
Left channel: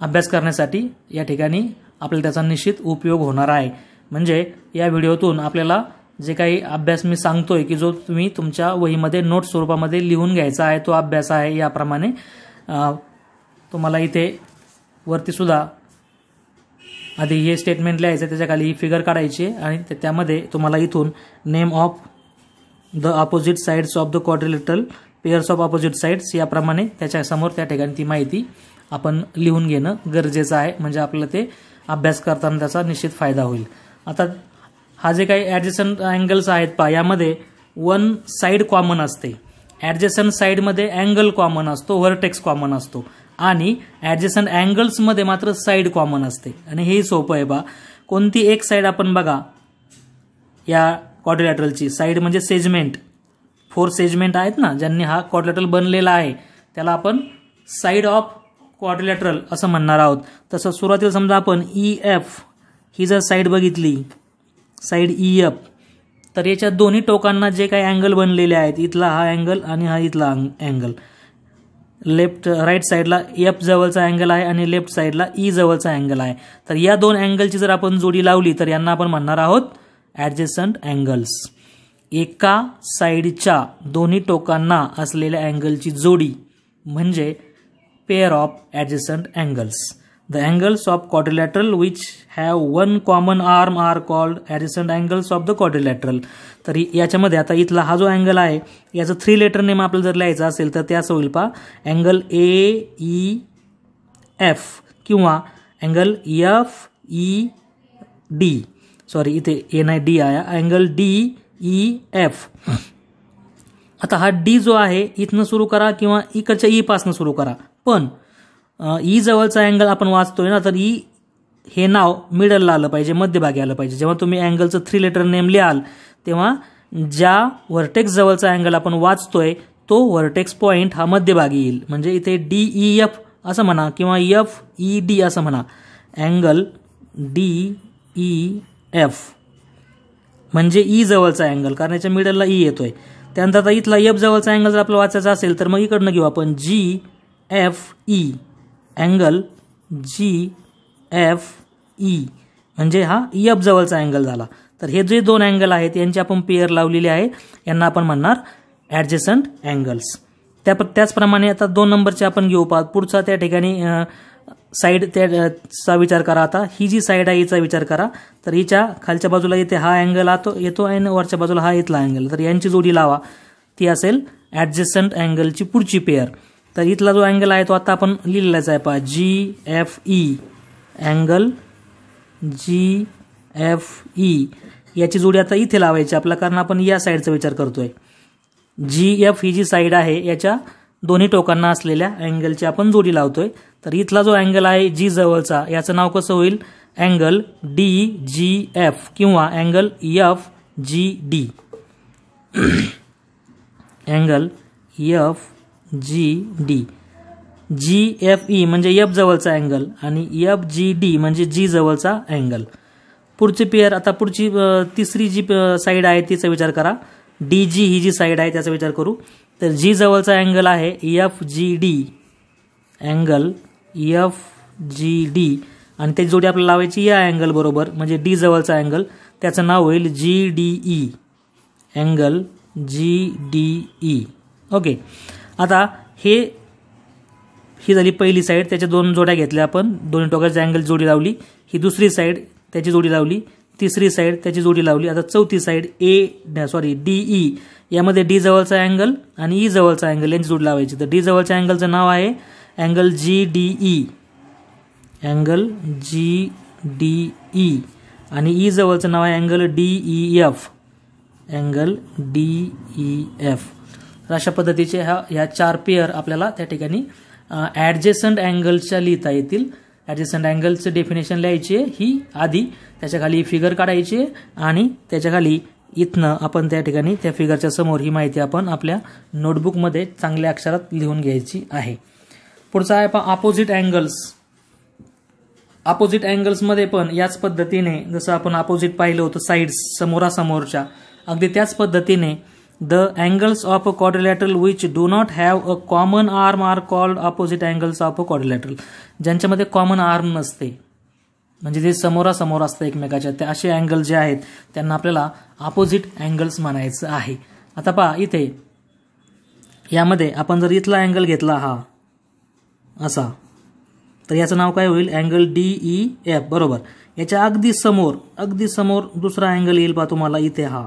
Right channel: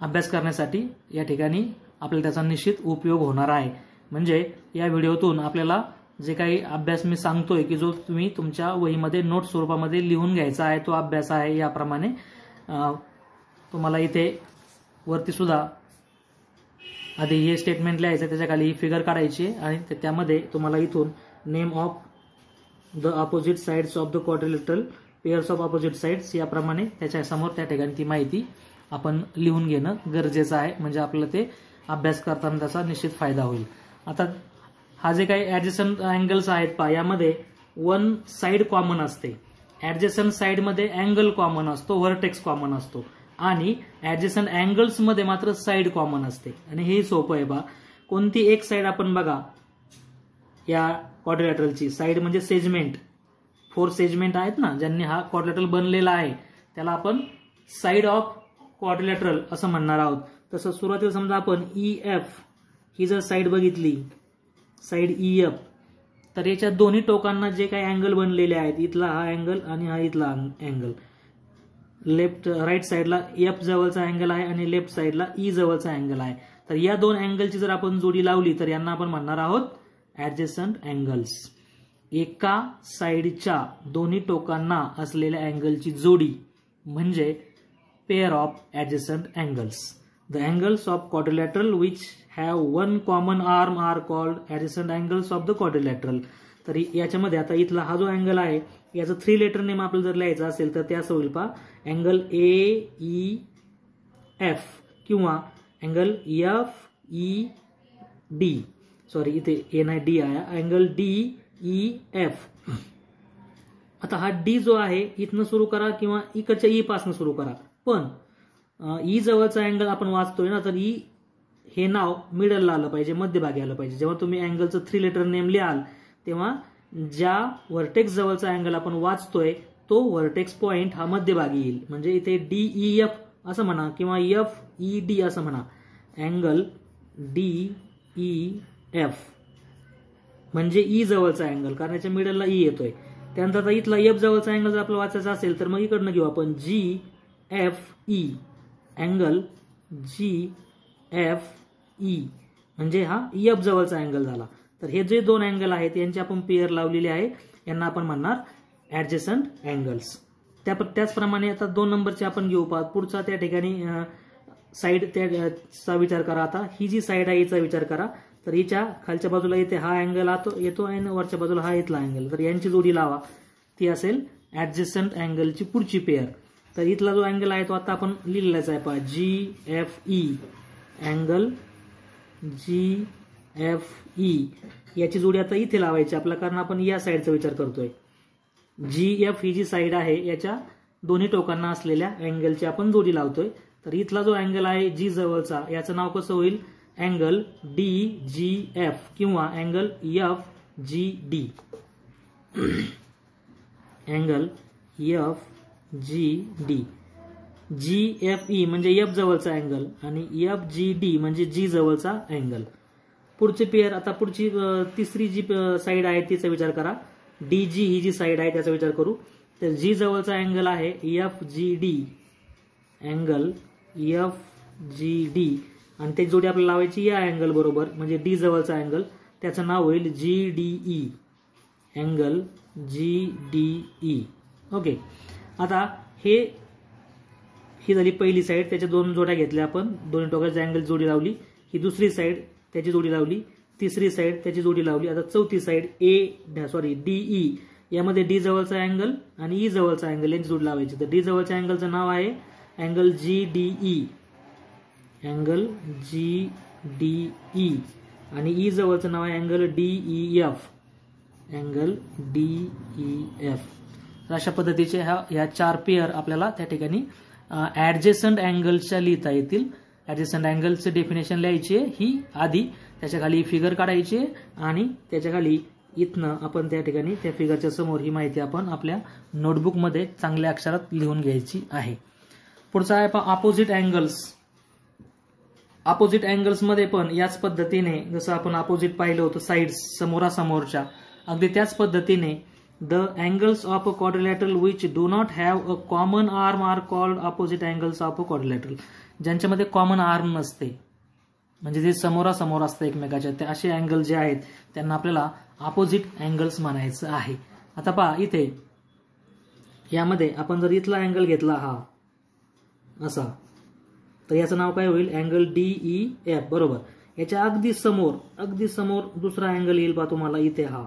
अभ्यास करण्यासाठी या ठिकाणी आपल्याला त्याचा निश्चित उपयोग होणार आहे. म्हणजे या व्हिडिओतून आपल्याला जे काही अभ्यास मी सांगतोय की जो तुम्ही तुमच्या वहीमध्ये नोट स्वरूपामध्ये लिहून घ्यायचा आहे तो अभ्यास आहे. याप्रमाणे तुम्हाला इथे वरती सुद्धा आधी हे स्टेटमेंट लिहायचं, त्याच्या खाली ही फिगर काढायची आणि त्यामध्ये तुम्हाला इथून name of the opposite sides of the quadrilateral pairs of opposite sides याप्रमाणे त्याच्यासमोर त्या ठिकाणी ती माहिती आपण लिहून घेणं गरजेचं आहे. म्हणजे आपल्याला ते अभ्यास करताना त्याचा निश्चित फायदा होईल. आता हा जे काही ॲडजस्टंट अँगल्स आहेत पहा, यामध्ये वन साइड कॉमन असते, ॲडजस्टंट साइडमध्ये अँगल कॉमन असतो, व्हर्टेक्स कॉमन असतो आणि ॲडजस्टंट अँगल्समध्ये मात्र साइड कॉमन असते. आणि हे सोपं आहे बा. कोणती एक साइड आपण बघा या क्वाड्रिलॅटरलची साइड म्हणजे सेगमेंट, 4 सेगमेंट आहेत ना ज्यांनी हा क्वाड्रिलॅटरल बनलेला आहे त्याला आपण साइड ऑफ क्वाड्रिलॅटरल असं म्हणणार आहोत. तसं सुरुवातीला समजा आपण EF ही जर साइड बघितली, साइड EF, तर याच्या दोन्ही टोकांना जे काही अँगल बनलेले आहेत, इथला हा अँगल आणि हा इथला अँगल, लेफ्ट राईट साईडला F जवळचा अँगल आहे आणि लेफ्ट साईडला E जवळचा अँगल आहे. तर या दोन अँगलची जर आपण जोडी लावली तर यांना आपण म्हणणार आहोत ॲडजस्टंट अँगल्स. एका साईडच्या दोन्ही टोकांना असलेल्या अँगलची जोडी म्हणजे pair of adjacent angles. The angles of quadrilateral which have one common arm are called adjacent angles of the quadrilateral. तर याच्यामध्ये आता इथला हा जो अँगल आहे याचं 3 लेटर नेम आपल्याला जर लिहायचं असेल तर ते असं होईल पहा, अँगल AEF किंवा अँगल FED. सॉरी इथे A नाही D आहे, अँगल DEF. आता हा D जो आहे इथनं सुरू करा किंवा इकडच्या E पासून सुरू करा, पण E जवळचा अँगल आपण वाचतोय ना, तर E हे नाव मिडलला आलं पाहिजे, मध्यभागी आलं पाहिजे. जेव्हा तुम्ही अँगलचं 3 लेटर नेम लिहाल तेव्हा ज्या व्हर्टेक्स जवळचा अँगल आपण वाचतोय तो व्हर्टेक्स पॉइंट हा मध्यभागी येईल. म्हणजे इथे DEF असं म्हणा किंवा FED असं म्हणा, अँगल DEF म्हणजे E जवळचा अँगल, कारण याच्या मिडलला E येतोय. त्यानंतर आता इथला F जवळचा अँगल जर आपल्याला वाचायचा असेल तर मग इकडनं घेऊ आपण GFE, अँगल GFE म्हणजे हा F जवळचा अँगल झाला. तर हे जे दोन अँगल आहेत यांची आपण पेअर लावलेली आहे, यांना आपण म्हणणार ॲडजस्टंट अँगल्स. त्याचप्रमाणे आता 2 नंबरचे आपण घेऊ पाहत. पुढचा त्या ठिकाणी साईड त्याचा विचार करा. आता ही जी साईड आहे हिचा विचार करा. तर हिच्या खालच्या बाजूला इथे हा अँगल येतो आणि वरच्या बाजूला हा इथला अँगल, तर यांची जोडी लावा, ती असेल ॲडजस्टंट अँगलची पुढची पेअर. तर इथला जो अँगल आहे तो आता आपण लिहिलेलाच आहे पहा, GFE, अँगल GFE याची जोडी आता इथे लावायची आपल्याला, कारण आपण या साईडचा विचार करतोय. GF ही जी साईड आहे याच्या दोन्ही टोकांना असलेल्या अँगलची आपण जोडी लावतोय. तर इथला जो अँगल आहे G जवळचा याचं नाव कसं होईल, अँगल DGF किंवा angle FGD. Angle FGD. GFE म्हणजे F जवळचा अँगल आणि FGD म्हणजे G जवळचा अँगल. पुढची पेअर, आता पुढची तिसरी जी साईड आहे तिचा विचार करा. DG ही जी साईड आहे त्याचा विचार करू. तर G जवळचा अँगल आहे FGD, अँगल FGD आणि त्याची जोडी आपल्याला लावायची या अँगल बरोबर, म्हणजे D जवळचा अँगल, त्याचं नाव होईल GDE, अँगल GDE. ओके. आता ही झाली पहिली साईड, त्याच्या 2 जोड्या घेतल्या आपण, दोन्ही टोकाच्या अँगल जोडी लावली. ही दुसरी साईड त्याची जोडी लावली, तिसरी साईड त्याची जोडी लावली. आता चौथी साईड DE, यामध्ये D जवळचा अँगल आणि E जवळचा अँगल यांची जोडी लावायची. तर D जवळच्या अँगलचं नाव आहे अँगल GDE, अँगल GDE आणि E जवळचं नाव आहे अँगल DEF, अँगल DEF. अशा पद्धतीचे ह्या 4 पेअर आपल्याला त्या ठिकाणी ॲडजस्टंट अँगल्सच्या लिहिता येतील. ॲडजस्टंट अँगलचं डेफिनेशन लिहायची आहे ही आधी, त्याच्या खाली फिगर काढायची आणि त्याच्या खाली इथनं आपण त्या ठिकाणी त्या फिगरच्या समोर ही माहिती आपण आपल्या नोटबुकमध्ये चांगल्या अक्षरात लिहून घ्यायची आहे. पुढचा आहे अपोजिट अँगल्स. अपोजिट अँगल्समध्ये पण याच पद्धतीने जसं आपण अपोजिट पाहिलं होतं साइड्स समोरासमोरच्या, अगदी त्याच पद्धतीने the angles of a quadrilateral which do not have a common arm are called opposite angles of a quadrilateral. ज्यांच्यामध्ये कॉमन आर्म नसते, म्हणजे जे समोरासमोर असतं एकमेकाच्या, ते असे अँगल जे आहेत त्यांना आपल्याला अपोजिट अँगल्स म्हणायचं आहे. आता पहा इथे यामध्ये आपण जर इथला अँगल घेतला हा असा, तर याचं नाव काय होईल? Angle DEF. बरोबर. याच्या अगदी समोर दुसरा अँगल येईल पहा तुम्हाला इथे हा.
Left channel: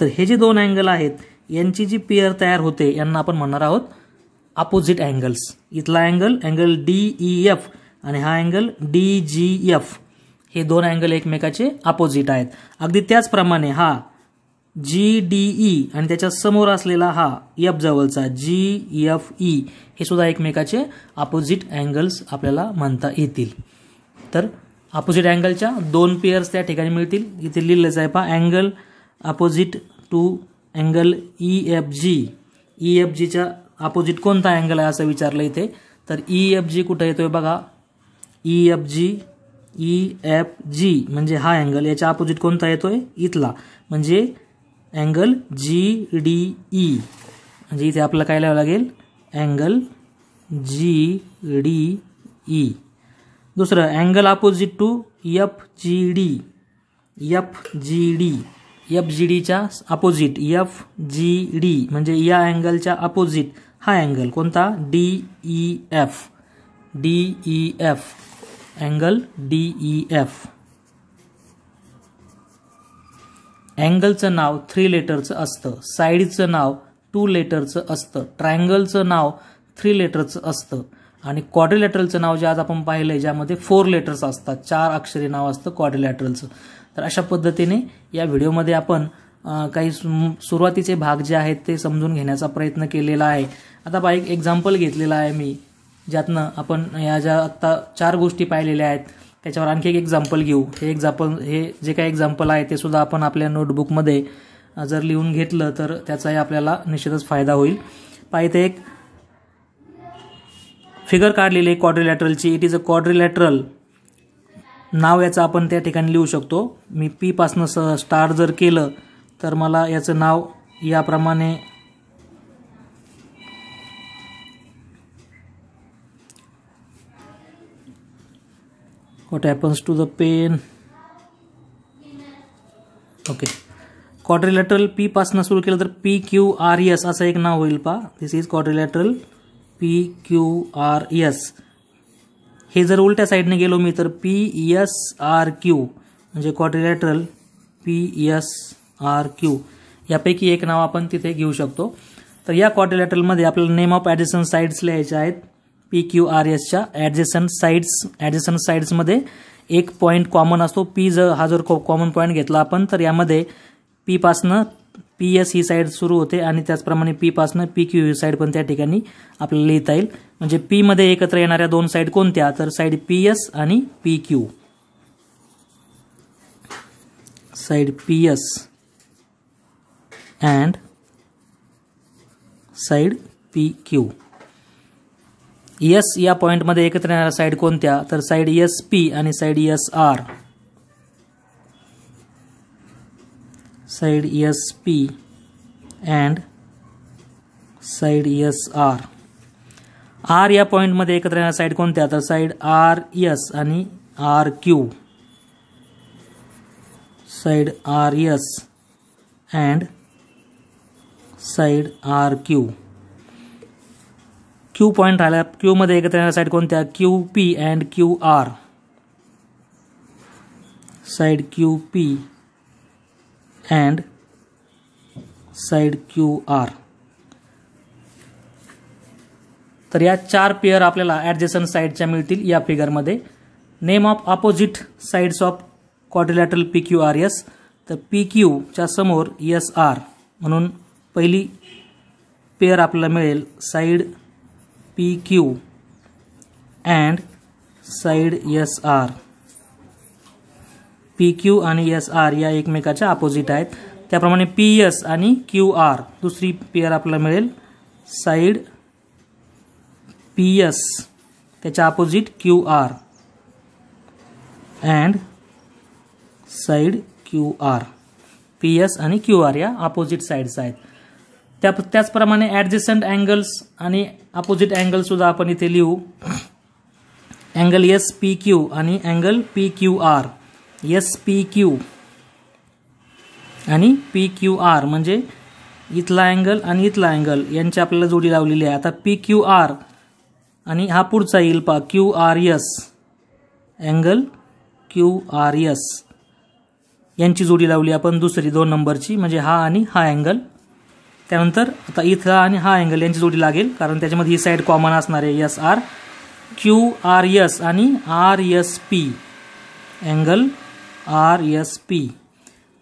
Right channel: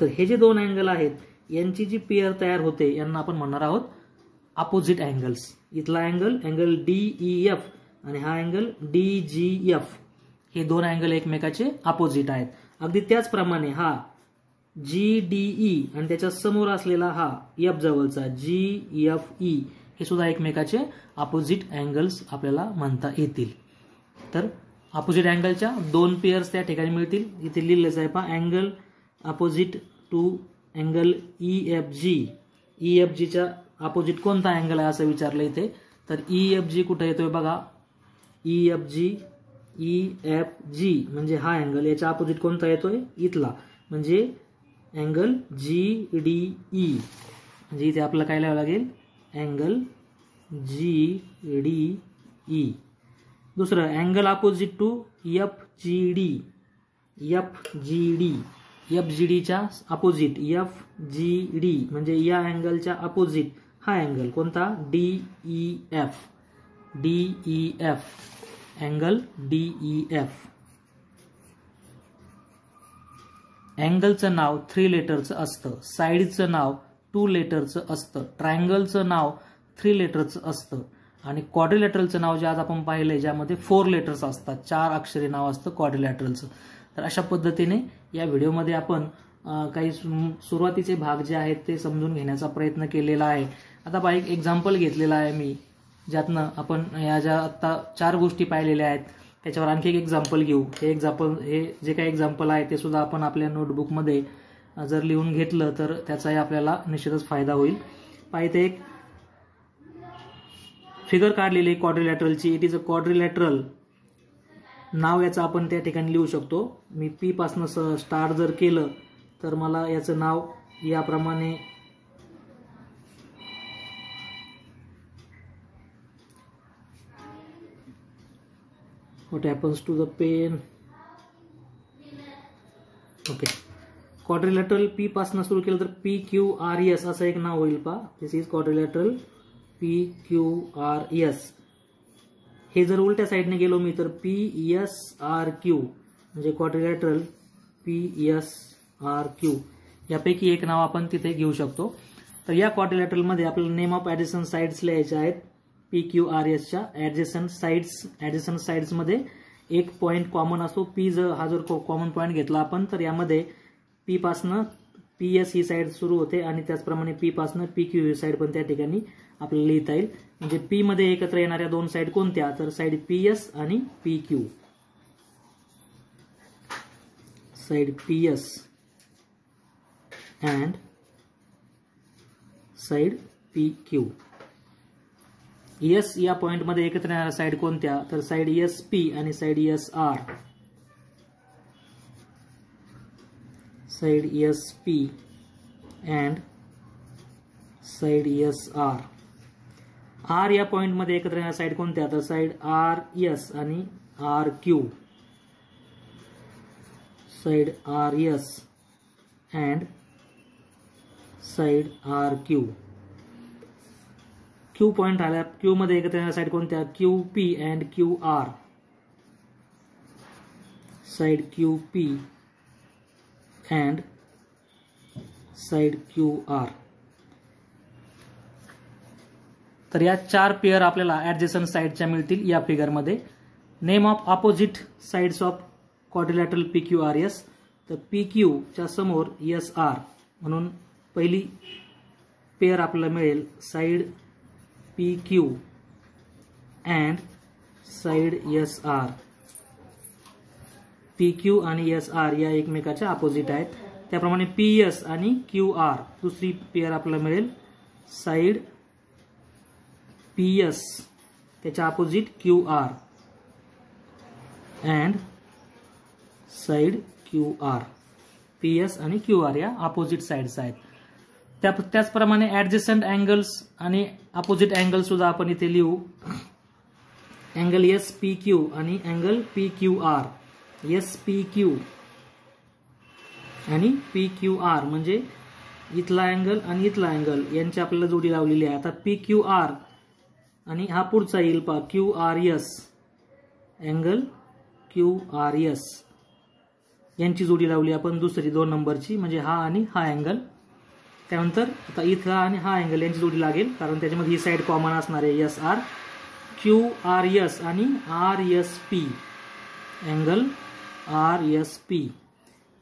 तर हे जे दोन अँगल आहेत यांची जी पेअर तयार होते यांना आपण म्हणणार आहोत अपोजिट अँगल्स. इथला अँगल DEF आणि हा अँगल DGF, हे दोन अँगल एकमेकाचे अपोजिट आहेत. अगदी त्याचप्रमाणे हा GDE आणि त्याच्या समोर असलेला हा F जवळचा GFE, हे सुद्धा एकमेकाचे अपोजिट अँगल्स आपल्याला म्हणता येतील. तर अपोजिट अँगलच्या दोन पेअर्स त्या ठिकाणी मिळतील. इथे लिहिलेलं आहे पहा, angle opposite to angle EFG. EFGच्या अपोजिट कोणता अँगल आहे असं विचारलं इथे. तर EFG कुठं येतोय बघा, EFG म्हणजे हा अँगल, याच्या अपोजिट कोणता येतोय? इथला, म्हणजे अँगल GDE. म्हणजे इथे आपल्याला काय लिहावं लागेल? Angle GDE. दुसरं अँगल अपोजिट टू FGD. FGDच्या अपोजिट FGD म्हणजे या अँगलच्या अपोजिट हा अँगल कोणता? DEF. Angle DEF. अँगलचं नाव 3 लेटरचं असतं, साईडचं नाव 2 लेटरचं असतं, ट्रायंगलचं नाव 3 लेटरचं असतं आणि क्वाड्रिलॅटरलचं नाव जे आज आपण पाहिलंय ज्यामध्ये 4 लेटर्स असतात, 4 अक्षरी नाव असतं क्वाड्रिलॅटरलचं. तर अशा पद्धतीने या व्हिडिओमध्ये आपण काही सुरुवातीचे भाग जे आहेत ते समजून घेण्याचा प्रयत्न केलेला आहे. आता पहा, एक एक्झाम्पल घेतलेला आहे मी, ज्यातनं आपण या ज्या आत्ता 4 गोष्टी पाहिलेल्या आहेत त्याच्यावर आणखी एक एक्झाम्पल घेऊ. हे जे काही एक्झाम्पल आहे ते सुद्धा आपण आपल्या नोटबुकमध्ये जर लिहून घेतलं तर त्याचाही आपल्याला निश्चितच फायदा होईल. पहा, इथे एक फिगर काढलेली आहे क्वाड्रिलॅटरलची. It is a quadrilateral. नाव याचं आपण त्या ठिकाणी लिहू शकतो. मी P पासनं स्टार्ट जर केलं तर मला याचं नाव याप्रमाणे What happens to the pen? Okay, quadrilateral P पासनं सुरू केलं तर PQRS असं एक नाव होईल पहा. दिस इज क्वाड्रिलॅटरल PQRS. हे जर उलट्या साईडने गेलो मी तर PSRQ म्हणजे क्वाड्रिलॅटरल PSRQ. यापैकी एक नाव आपण तिथे घेऊ शकतो. तर या क्वाड्रिलॅटरलमध्ये आपल्याला नेम ऑफ ॲडजसंट साइड्स लिहायचे आहेत. PQRSच्या ॲडजसंट साइड्समध्ये एक पॉईंट कॉमन असतो. हा जर कॉमन पॉईंट घेतला आपण तर यामध्ये P पासनं PS ही साईड सुरू होते आणि त्याचप्रमाणे P पासनं PQ ही साईड पण त्या ठिकाणी आपल्याला लिहिता येईल. म्हणजे P मध्ये एकत्र येणाऱ्या दोन साईड कोणत्या? तर साईड PS आणि PQ. Side PS and side PQ. S या पॉइंटमध्ये एकत्र येणाऱ्या साईड कोणत्या? तर साईड SP आणि side SR. Side SP and side SR. R या पॉइंटमध्ये एकत्र येणाऱ्या साईड कोणत्या? तर साईड RS आणि RQ. Side RS and side RQ. Q point राहिला. Q मध्ये एकत्र येणाऱ्या साईड कोणत्या? QP and QR. Side QP and side QR. तर या 4 पेअर आपल्याला ॲडजसंट साईडच्या मिळतील या फिगरमध्ये. Name of opposite sides of quadrilateral PQRS. तर PQ च्या समोर SR म्हणून पहिली पेअर आपल्याला मिळेल side PQ and side SR. PQ आणि SR या एकमेकाच्या अपोजिट आहेत. त्याप्रमाणे PS आणि QR दुसरी पेअर आपल्याला मिळेल साईड PS त्याच्या opposite QR. And side QR. PS आणि QR या अपोजिट साईड्स आहेत. त्याचप्रमाणे ॲडजसंट अँगल्स आणि अपोजिट अँगल सुद्धा आपण इथे लिहू. अँगल SPQ आणि अँगल PQR. SPQ आणि PQR म्हणजे इथला अँगल आणि इथला अँगल यांची आपल्याला जोडी लावलेली आहे. आता PQR आणि हा पुढचा येईल पहा QRS. अँगल QRS यांची जोडी लावली आपण दुसरी 2 नंबरची, म्हणजे हा आणि हा अँगल. त्यानंतर आता इथला आणि हा अँगल यांची जोडी लागेल कारण त्याच्यामध्ये ही साईड कॉमन असणार आहे SR. QRS आणि RSP. Angle RSP.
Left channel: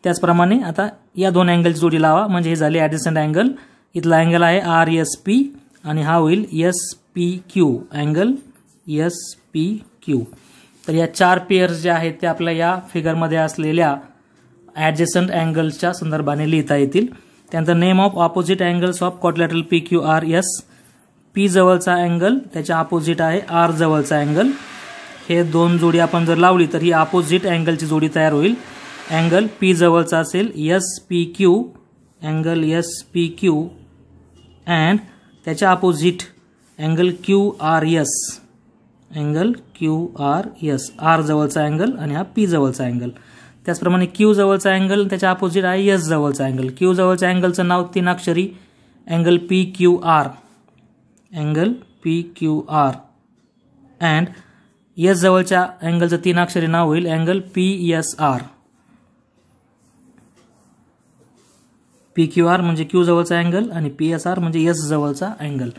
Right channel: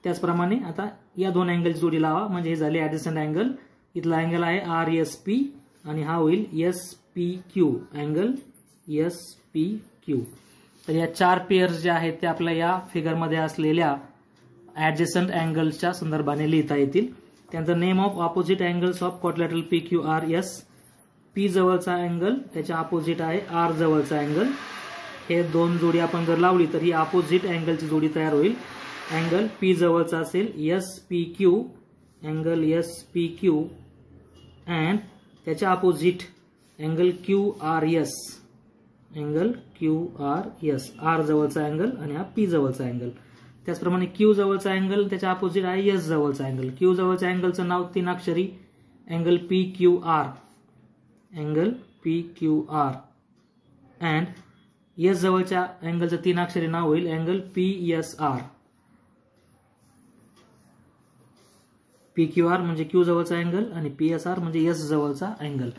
त्याचप्रमाणे आता या 2 अँगलची जोडी लावा म्हणजे हे झाले ॲडजसंट अँगल. इथला अँगल आहे RSP आणि हा होईल SPQ. Angle SPQ. तर या 4 पेअर्स ज्या आहेत त्या आपल्या या फिगरमध्ये असलेल्या ॲडजसंट अँगल्सच्या संदर्भाने लिहिता येतील. त्यानंतर name of opposite angles of quadrilateral PQRS. P जवळचा अँगल त्याच्या अपोजिट आहे R जवळचा अँगल. हे 2 जोडी आपण जर लावली तर ही अपोजिट अँगलची जोडी तयार होईल. अँगल P जवळचा असेल SPQ. अँगल SPQ अँड त्याच्या opposite angle QRS. Angle QRS. R जवळचा अँगल आणि हा P जवळचा अँगल. त्याचप्रमाणे Q जवळचा अँगल त्याच्या अपोजिट आहे S जवळचा अँगल. Q जवळच्या अँगलचं नाव 3 अक्षरी angle PQR. Angle PQR and S जवळच्या अँगलचं 3 अक्षरी नाव होईल अँगल PSR. PQR म्हणजे Q जवळचा अँगल आणि PSR म्हणजे S जवळचा अँगल.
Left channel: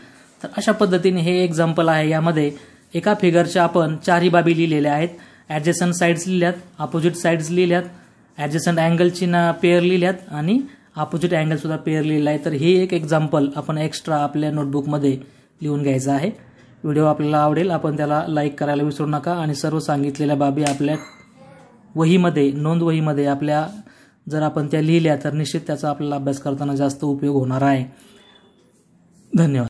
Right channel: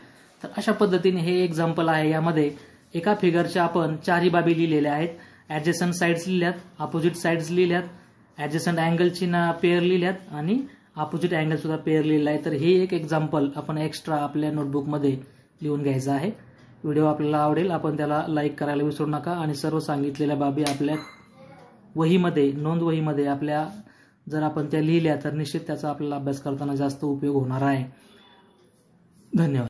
तर अशा पद्धतीने हे एक्झाम्पल आहे. यामध्ये एका फिगरच्या आपण 4ही बाबी लिहिलेल्या आहेत. ॲडजसंट साईड्स लिहिल्यात, अपोजिट साईड्स लिहिल्यात, ॲडजसंट अँगलची पेअर लिहिल्यात आणि अपोजिट अँगल सुद्धा पेअर लिहिलेला आहे. तर हे एक एक्झाम्पल आपण एक्स्ट्रा आपल्या नोटबुकमध्ये लिहून घ्यायचं आहे. व्हिडिओ आपल्याला आवडेल, आपण त्याला लाईक करायला विसरू नका आणि सर्व सांगितलेल्या बाबी आपल्या वहीमध्ये, नोंद वहीमध्ये आपल्या जर आपण त्या लिहिल्या तर निश्चित त्याचा आपल्याला अभ्यास करताना जास्त उपयोग होणार आहे. धन्यवाद.